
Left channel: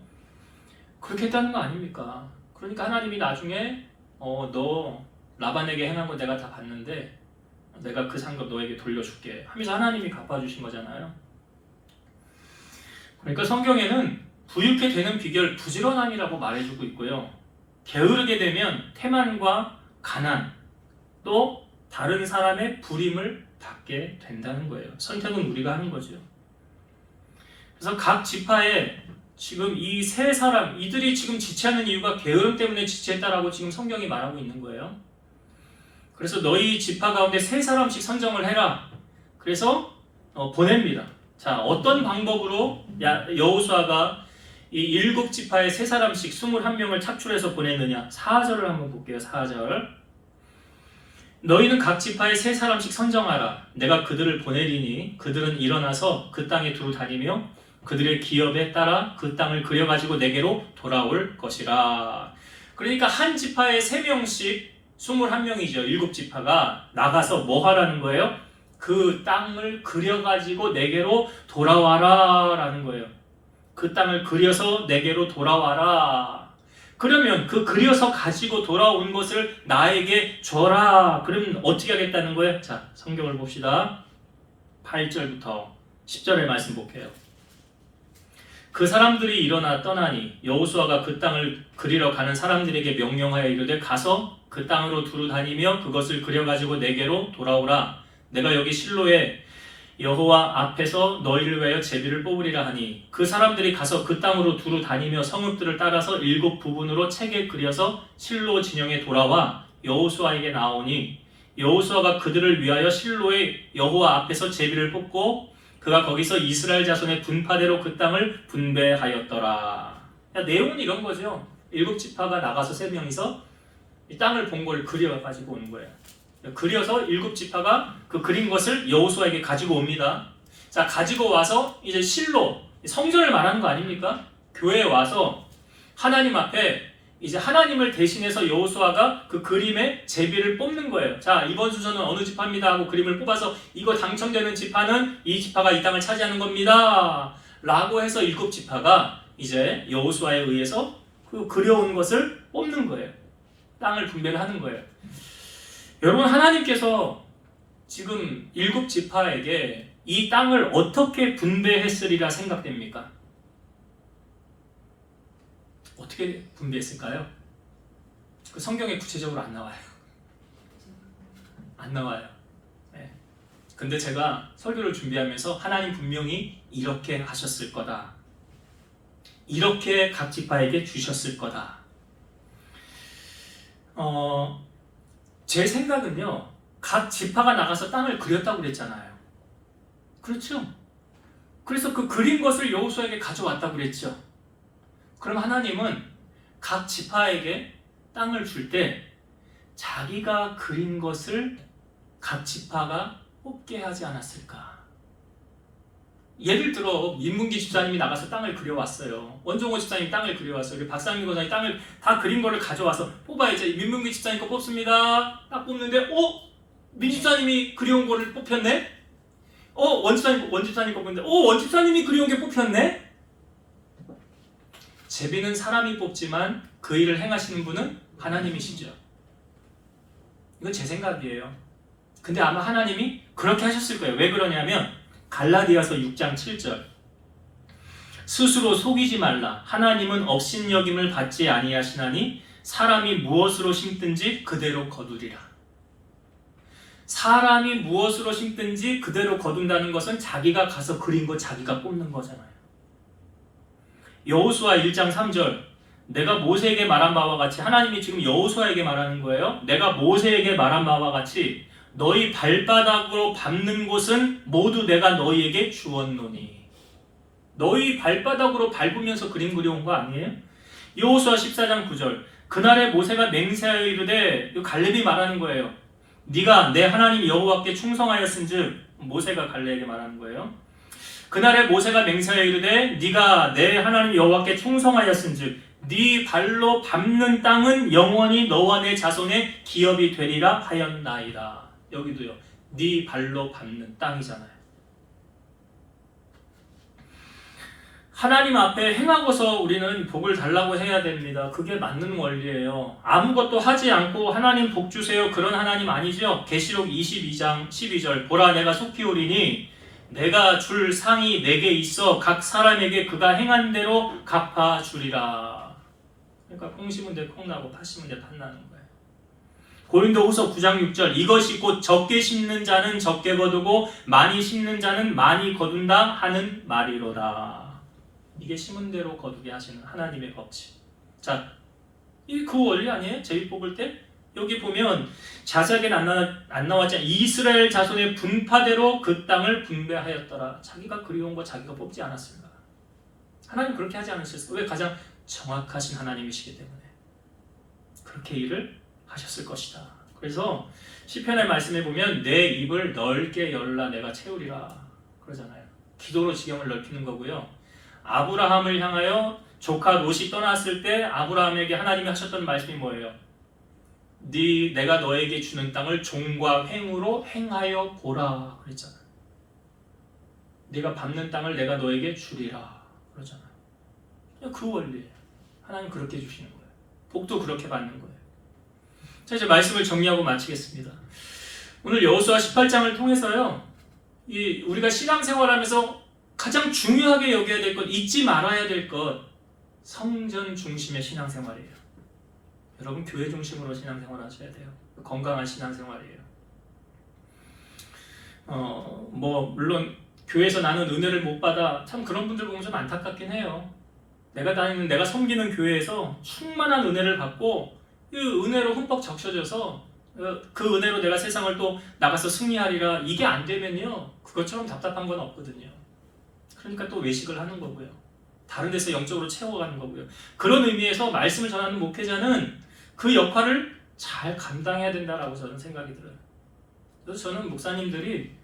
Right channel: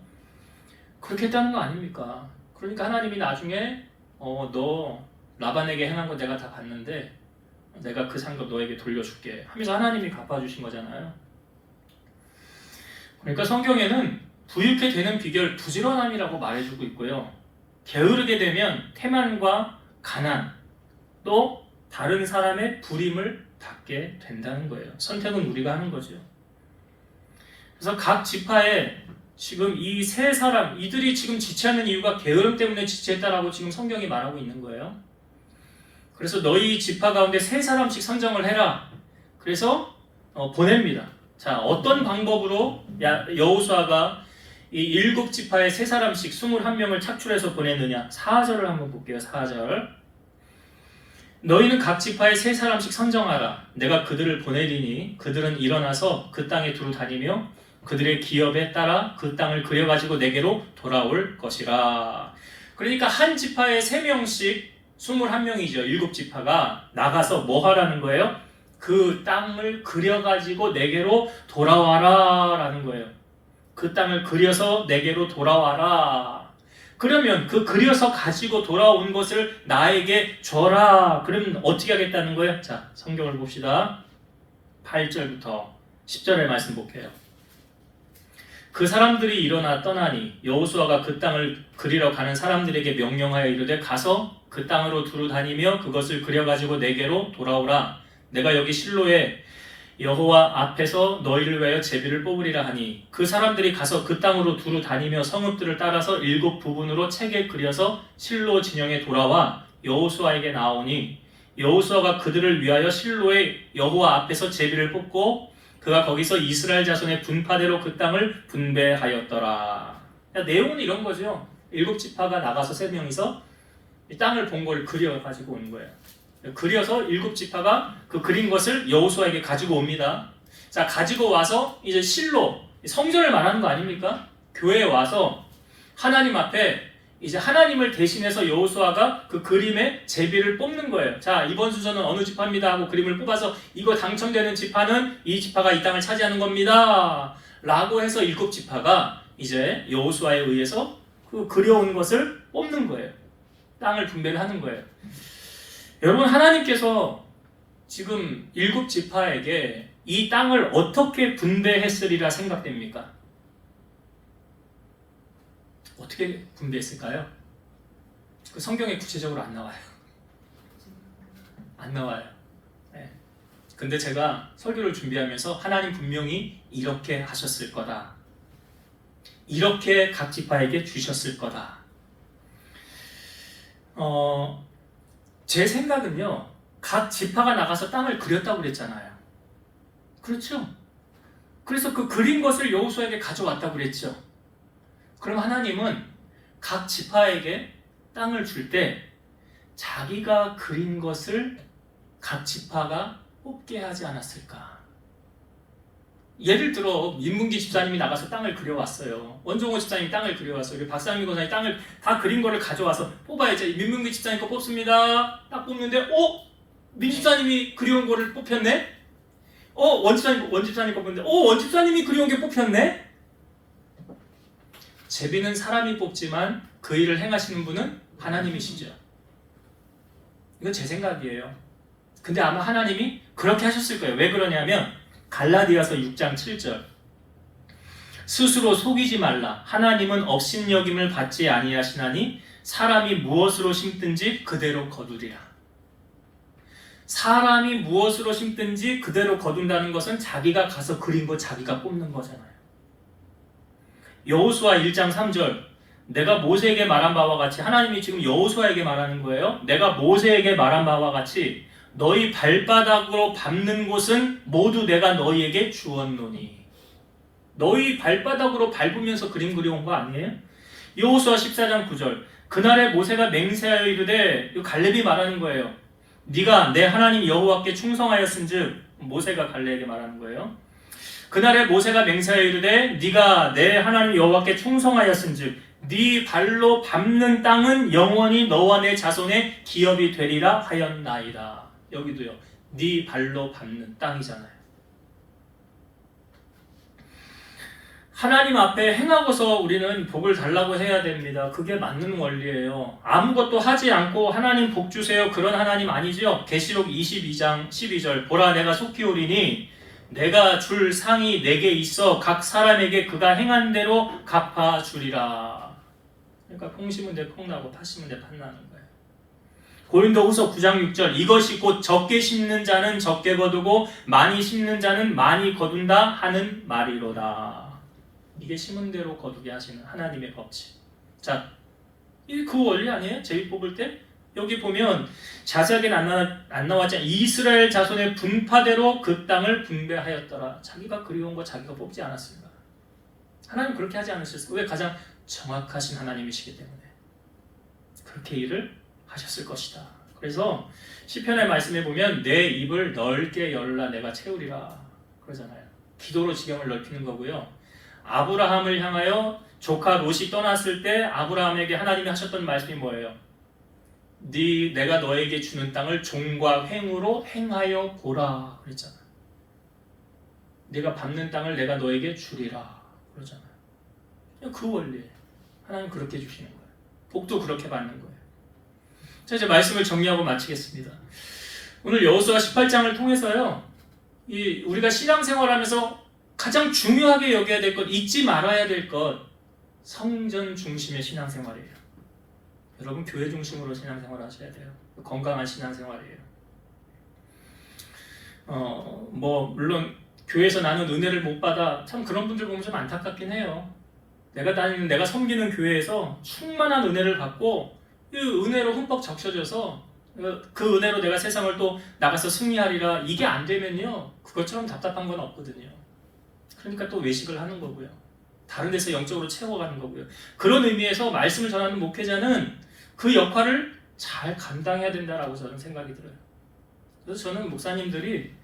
그렇게 했다는 거 아닙니까? 그러니까 하나님이 나중에 너 라반에게 행한 거 내가 다 봤는데 내가 그 상급 너에게 돌려줄게 하면서 하나님이 갚아주신 거잖아요. 그러니까 성경에는 부유케 되는 비결 부지런함이라고 말해주고 있고요. 게으르게 되면 태만과 가난, 또 다른 사람의 불임을 받게 된다는 거예요. 선택은 우리가 하는 거죠. 그래서 각 지파에 지금 이 3사람, 이들이 지금 지체하는 이유가 게으름 때문에 지체했다라고 지금 성경이 말하고 있는 거예요. 그래서 너희 지파 가운데 3사람씩 선정을 해라. 그래서 보냅니다. 자, 어떤 방법으로 여호수아가 이 7지파에 3사람씩 21명을 착출해서 보내느냐? 4절을 한번 볼게요. 4절. 너희는 각 지파에 3사람씩 선정하라. 내가 그들을 보내리니 그들은 일어나서 그 땅에 두루 다니며 그들의 기업에 따라 그 땅을 그려가지고 내게로 돌아올 것이라. 그러니까 한 지파에 3명씩 21명이죠. 7지파가 나가서 뭐 하라는 거예요? 그 땅을 그려가지고 내게로 돌아와라 라는 거예요. 그 땅을 그려서 내게로 돌아와라. 그러면 그 그려서 가지고 돌아온 것을 나에게 줘라. 그러면 어떻게 하겠다는 거예요? 자, 성경을 봅시다. 8절부터 10절의 말씀 볼게요. 그 사람들이 일어나 떠나니 여호수아가 그 땅을 그리러 가는 사람들에게 명령하여 이르되 가서 그 땅으로 두루 다니며 그것을 그려가지고 내게로 돌아오라. 내가 여기 실로에 여호와 앞에서 너희를 위하여 제비를 뽑으리라 하니 그 사람들이 가서 그 땅으로 두루 다니며 성읍들을 따라서 7 부분으로 책에 그려서 실로 진영에 돌아와 여호수아에게 나오니 여호수아가 그들을 위하여 실로에 여호와 앞에서 제비를 뽑고 그가 거기서 이스라엘 자손의 분파대로 그 땅을 분배하였더라. 내용은 이런 거죠. 7지파가 나가서 3명이서 이 땅을 본 걸 그려가지고 오는 거예요. 그려서 7지파가 그 그린 것을 여호수아에게 가지고 옵니다. 자, 가지고 와서 이제 실로, 성전을 말하는 거 아닙니까? 교회에 와서 하나님 앞에 이제 하나님을 대신해서 여호수아가 그 그림에 제비를 뽑는 거예요. 자, 이번 순서는 어느 지파입니다 하고 그림을 뽑아서 이거 당첨되는 지파는 이 지파가 이 땅을 차지하는 겁니다 라고 해서 7지파가 이제 여호수아에 의해서 그 그려온 것을 뽑는 거예요. 땅을 분배를 하는 거예요. 여러분, 하나님께서 지금 7지파에게 이 땅을 어떻게 분배했으리라 생각됩니까? 어떻게 분배했을까요? 그 성경에 구체적으로 안 나와요. 안 나와요. 네. 근데 제가 설교를 준비하면서 하나님 분명히 이렇게 하셨을 거다. 이렇게 각 지파에게 주셨을 거다. 제 생각은요, 각 지파가 나가서 땅을 그렸다고 그랬잖아요. 그렇죠? 그래서 그 그린 것을 여호수아에게 가져왔다고 그랬죠. 그럼 하나님은 각 지파에게 땅을 줄 때 자기가 그린 것을 각 지파가 뽑게 하지 않았을까? 예를 들어 민문기 집사님이 나가서 땅을 그려왔어요. 원종호 집사님이 땅을 그려왔어요. 박상민 권사님이 땅을 다 그린 거를 가져와서 뽑아야죠. 민문기 집사님 거 뽑습니다. 딱 뽑는데 민 집사님이 그려온 거를 뽑혔네? 원 집사님 거 뽑는데 원 집사님이 그려온 게 뽑혔네? 제비는 사람이 뽑지만 그 일을 행하시는 분은 하나님이시죠. 이건 제 생각이에요. 근데 아마 하나님이 그렇게 하셨을 거예요. 왜 그러냐면 갈라디아서 6장 7절 스스로 속이지 말라. 하나님은 업신여김을 받지 아니하시나니 사람이 무엇으로 심든지 그대로 거두리라. 사람이 무엇으로 심든지 그대로 거둔다는 것은 자기가 가서 그린 거 자기가 뽑는 거잖아요. 여호수아 1장 3절 내가 모세에게 말한 바와 같이, 하나님이 지금 여호수아에게 말하는 거예요. 내가 모세에게 말한 바와 같이 너희 발바닥으로 밟는 곳은 모두 내가 너희에게 주었노니. 너희 발바닥으로 밟으면서 그림 그려온 거 아니에요? 여호수아 14장 9절 그날에 모세가 맹세하여 이르되, 갈렙이 말하는 거예요. 네가 내 하나님 여호와께 충성하였은즉, 모세가 갈렙에게 말하는 거예요. 그날에 모세가 맹세하여 이르되 네가 내 하나님 여호와께 충성하였은즉 네 발로 밟는 땅은 영원히 너와 내 자손의 기업이 되리라 하였나이다. 여기도요. 네 발로 밟는 땅이잖아요. 하나님 앞에 행하고서 우리는 복을 달라고 해야 됩니다. 그게 맞는 원리예요. 아무것도 하지 않고 하나님 복 주세요, 그런 하나님 아니죠. 계시록 22장 12절 보라 내가 속히 오리니 내가 줄 상이 내게 있어 각 사람에게 그가 행한 대로 갚아주리라. 그러니까 콩 심은 데 콩 나고 팥 심은 데 팥 나는 거예요. 고린도후서 9장 6절 이것이 곧 적게 심는 자는 적게 거두고 많이 심는 자는 많이 거둔다 하는 말이로다. 이게 심은 대로 거두게 하시는 하나님의 법칙. 자, 이게 그 원리 아니에요? 제비 뽑을 때? 여기 보면 자세하게는 안 나왔지만 이스라엘 자손의 분파대로 그 땅을 분배하였더라. 자기가 그리운 거 자기가 뽑지 않았습니다. 하나님 그렇게 하지 않으셨어요. 왜? 가장 정확하신 하나님이시기 때문에 그렇게 일을 하셨을 것이다. 그래서 시편의 말씀에 보면 내 입을 넓게 열라 내가 채우리라 그러잖아요. 기도로 지경을 넓히는 거고요. 아브라함을 향하여 조카 롯이 떠났을 때 아브라함에게 하나님이 하셨던 말씀이 뭐예요? 내가 너에게 주는 땅을 종과 횡으로 행하여 보라 그랬잖아요. 네가 밟는 땅을 내가 너에게 주리라 그러잖아요. 그 원리예요. 하나님 그렇게 주시는 거예요. 복도 그렇게 받는 거예요. 자, 이제 말씀을 정리하고 마치겠습니다. 오늘 여호수아 18장을 통해서요, 우리가 신앙생활하면서 가장 중요하게 여겨야 될 것, 잊지 말아야 될 것, 성전 중심의 신앙생활이에요. 여러분 교회 중심으로 신앙생활 하셔야 돼요. 건강한 신앙생활이에요. 물론 교회에서 나는 은혜를 못 받아, 참 그런 분들 보면 좀 안타깝긴 해요. 내가 섬기는 교회에서 충만한 은혜를 받고 그 은혜로 흠뻑 적셔져서 그 은혜로 내가 세상을 또 나가서 승리하리라, 이게 안 되면요 그것처럼 답답한 건 없거든요. 그러니까 또 외식을 하는 거고요, 다른 데서 영적으로 채워가는 거고요. 그런 의미에서 말씀을 전하는 목회자는 그 역할을 잘 감당해야 된다라고 저는 생각이 들어요. 그래서 저는 목사님들이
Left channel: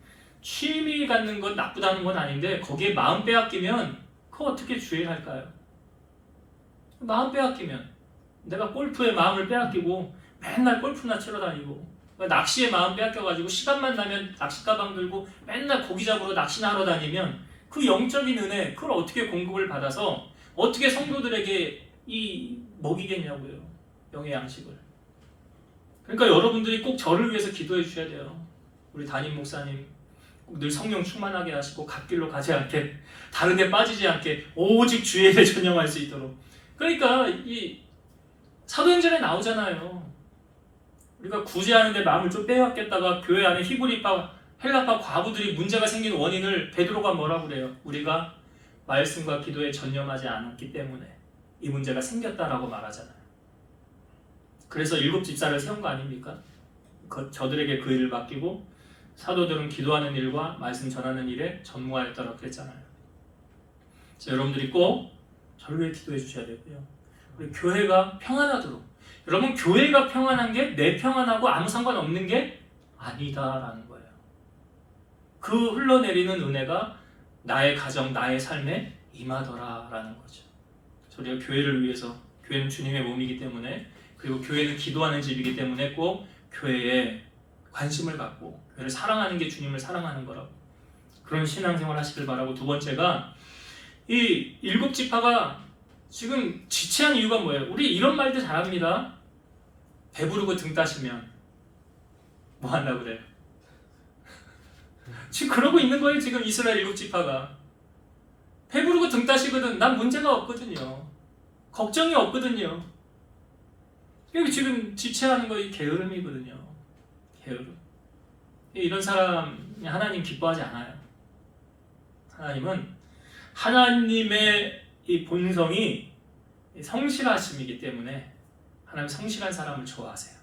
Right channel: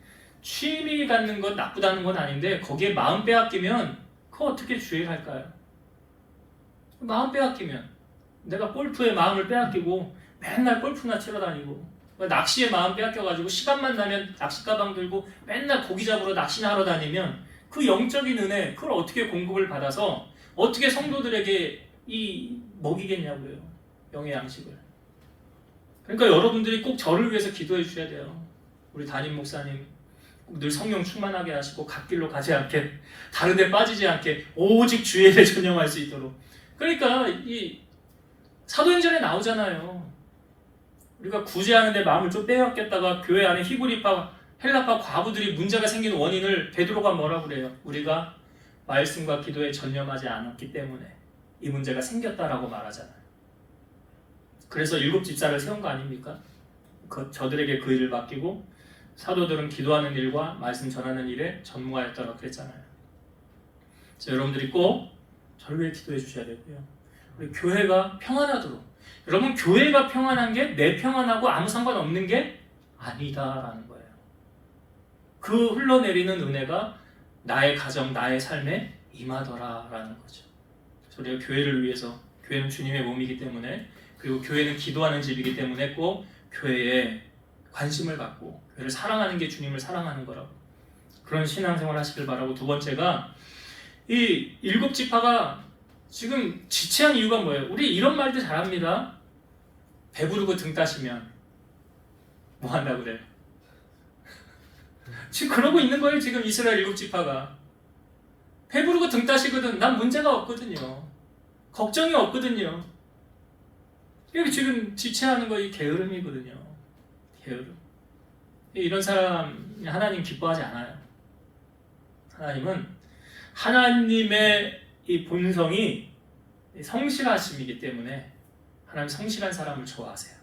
취미 갖는 건 나쁘다는 건 아닌데 거기에 마음 빼앗기면 그거 어떻게 주의할까요? 마음 빼앗기면 내가 골프에 마음을 빼앗기고 맨날 골프나 치러 다니고, 낚시에 마음 빼앗겨가지고 시간만 나면 낚시 가방 들고 맨날 고기 잡으러 낚시나 하러 다니면 그 영적인 은혜, 그걸 어떻게 공급을 받아서 어떻게 성도들에게 먹이겠냐고요, 영의 양식을. 그러니까 여러분들이 꼭 저를 위해서 기도해 주셔야 돼요. 우리 담임 목사님 꼭 늘 성령 충만하게 하시고 갓길로 가지 않게, 다른 데 빠지지 않게 오직 주의 일에 전념할 수 있도록. 그러니까 이 사도행전에 나오잖아요. 우리가 구제하는데 마음을 좀 빼앗겼다가 교회 안에 히브리파, 헬라파 과부들이 문제가 생긴 원인을 베드로가 뭐라고 그래요? 우리가 말씀과 기도에 전념하지 않았기 때문에 이 문제가 생겼다라고 말하잖아요. 그래서 7 집사를 세운 거 아닙니까? 저들에게 그 일을 맡기고 사도들은 기도하는 일과 말씀 전하는 일에 전무하였다고 그랬잖아요. 그래서 여러분들이 꼭 저를 위해 기도해 주셔야 되고요. 우리 교회가 평안하도록. 여러분, 교회가 평안한 게 내 평안하고 아무 상관없는 게 아니다라는 거예요. 그 흘러내리는 은혜가 나의 가정, 나의 삶에 임하더라라는 거죠. 우리가 교회를 위해서, 교회는 주님의 몸이기 때문에, 그리고 교회는 기도하는 집이기 때문에 꼭 교회에 관심을 갖고 교회를 사랑하는 게 주님을 사랑하는 거라고, 그런 신앙생활 하시길 바라고. 두 번째가, 이 7 지파가 지금 지체한 이유가 뭐예요? 우리 이런 말도 잘합니다. 배부르고 등 따시면 뭐 한다고 그래요? 지금 그러고 있는 거예요. 지금 이스라엘 7 지파가 배부르고 등 따시거든. 난 문제가 없거든요. 걱정이 없거든요. 이게 지금 지체하는 거 이 게으름이거든요. 게으름. 이런 사람 하나님 기뻐하지 않아요. 하나님은, 하나님의 이 본성이 성실하심이기 때문에 하나님 성실한 사람을 좋아하세요.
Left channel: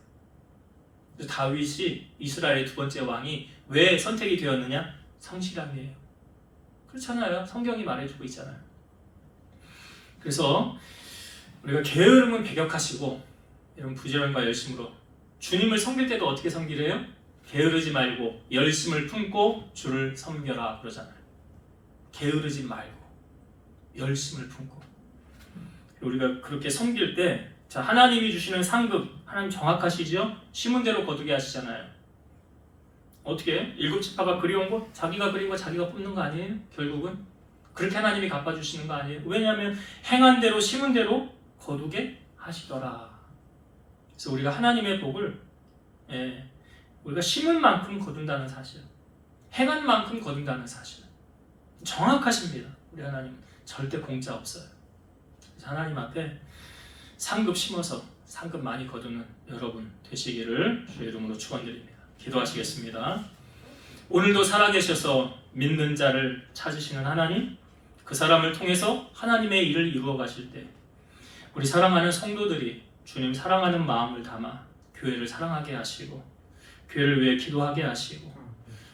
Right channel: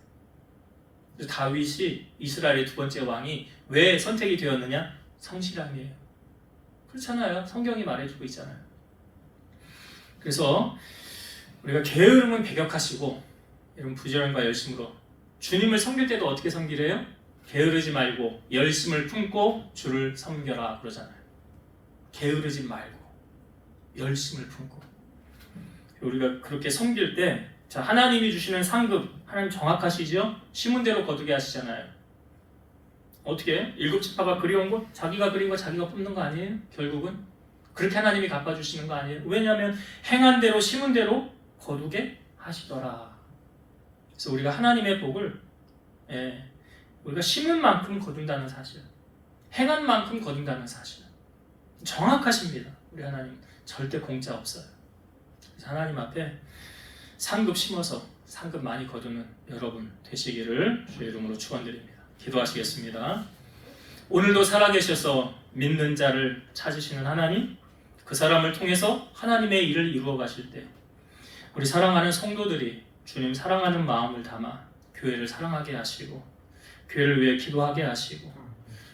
그래서 다윗이 이스라엘의 2번째 왕이 왜 선택이 되었느냐? 성실함이에요. 그렇잖아요. 성경이 말해주고 있잖아요. 그래서 우리가 게으름은 배격하시고 이런 부지런과 열심으로 주님을 섬길 때도 어떻게 섬기래요? 게으르지 말고 열심을 품고 주를 섬겨라 그러잖아요. 게으르지 말고 열심을 품고. 우리가 그렇게 섬길 때, 자, 하나님이 주시는 상급, 하나님 정확하시죠? 심은 대로 거두게 하시잖아요. 어떻게? 7 지파가 그리운 거 자기가 그린 거 자기가 뽑는 거 아니에요? 결국은 그렇게 하나님이 갚아주시는 거 아니에요? 왜냐하면 행한 대로 심은 대로 거두게 하시더라. 그래서 우리가 하나님의 복을, 우리가 심은 만큼 거둔다는 사실, 행한 만큼 거둔다는 사실, 정확하십니다. 우리 하나님 절대 공짜 없어요. 그래서 하나님 앞에 상급 심어서 상급 많이 거두는 여러분 되시기를 주의 이름으로 축원드립니다. 기도하시겠습니다. 오늘도 살아계셔서 믿는 자를 찾으시는 하나님, 그 사람을 통해서 하나님의 일을 이루어 가실 때 우리 사랑하는 성도들이 주님 사랑하는 마음을 담아 교회를 사랑하게 하시고 교회를 위해 기도하게 하시고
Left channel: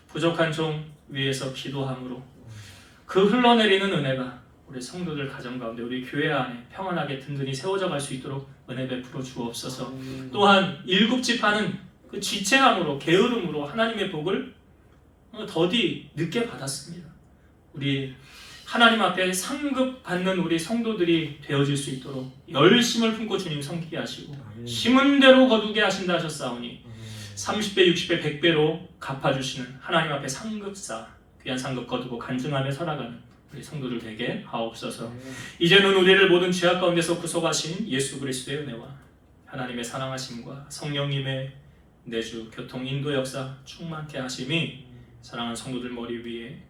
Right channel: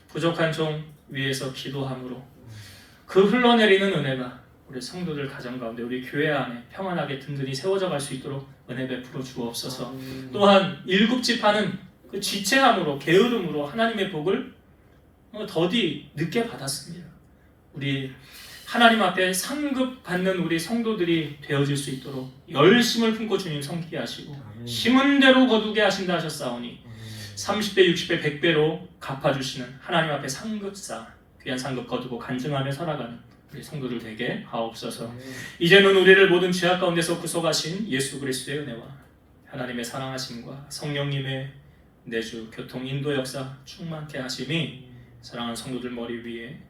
부족한 종 위에서 기도함으로 그 흘러내리는 은혜가 우리 성도들 가정 가운데, 우리 교회 안에 평안하게 든든히 세워져 갈 수 있도록 은혜 베풀어 주옵소서. 또한 7 지파는 그 지체함으로, 게으름으로 하나님의 복을 더디 늦게 받았습니다. 우리 하나님 앞에 상급 받는 우리 성도들이 되어질 수 있도록 열심을 품고 주님 섬기게 하시고 심은 대로 거두게 하신다 하셨사오니 30배, 60배, 100배로 갚아주시는 하나님 앞에 상급사, 귀한 상급 거두고 간증하며 살아가는 우리 성도들 되게 하옵소서. 이제는 우리를 모든 죄악 가운데서 구속하신 예수 그리스도의 은혜와 하나님의 사랑하심과 성령님의 내주 교통 인도 역사 충만케 하심이 사랑하는 성도들 머리 위에,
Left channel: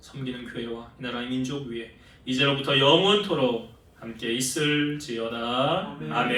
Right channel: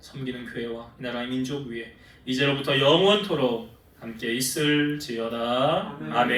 섬기는 교회와 이 나라의 민족 위에 이제로부터 영원토록 함께 있을지어다. 아멘.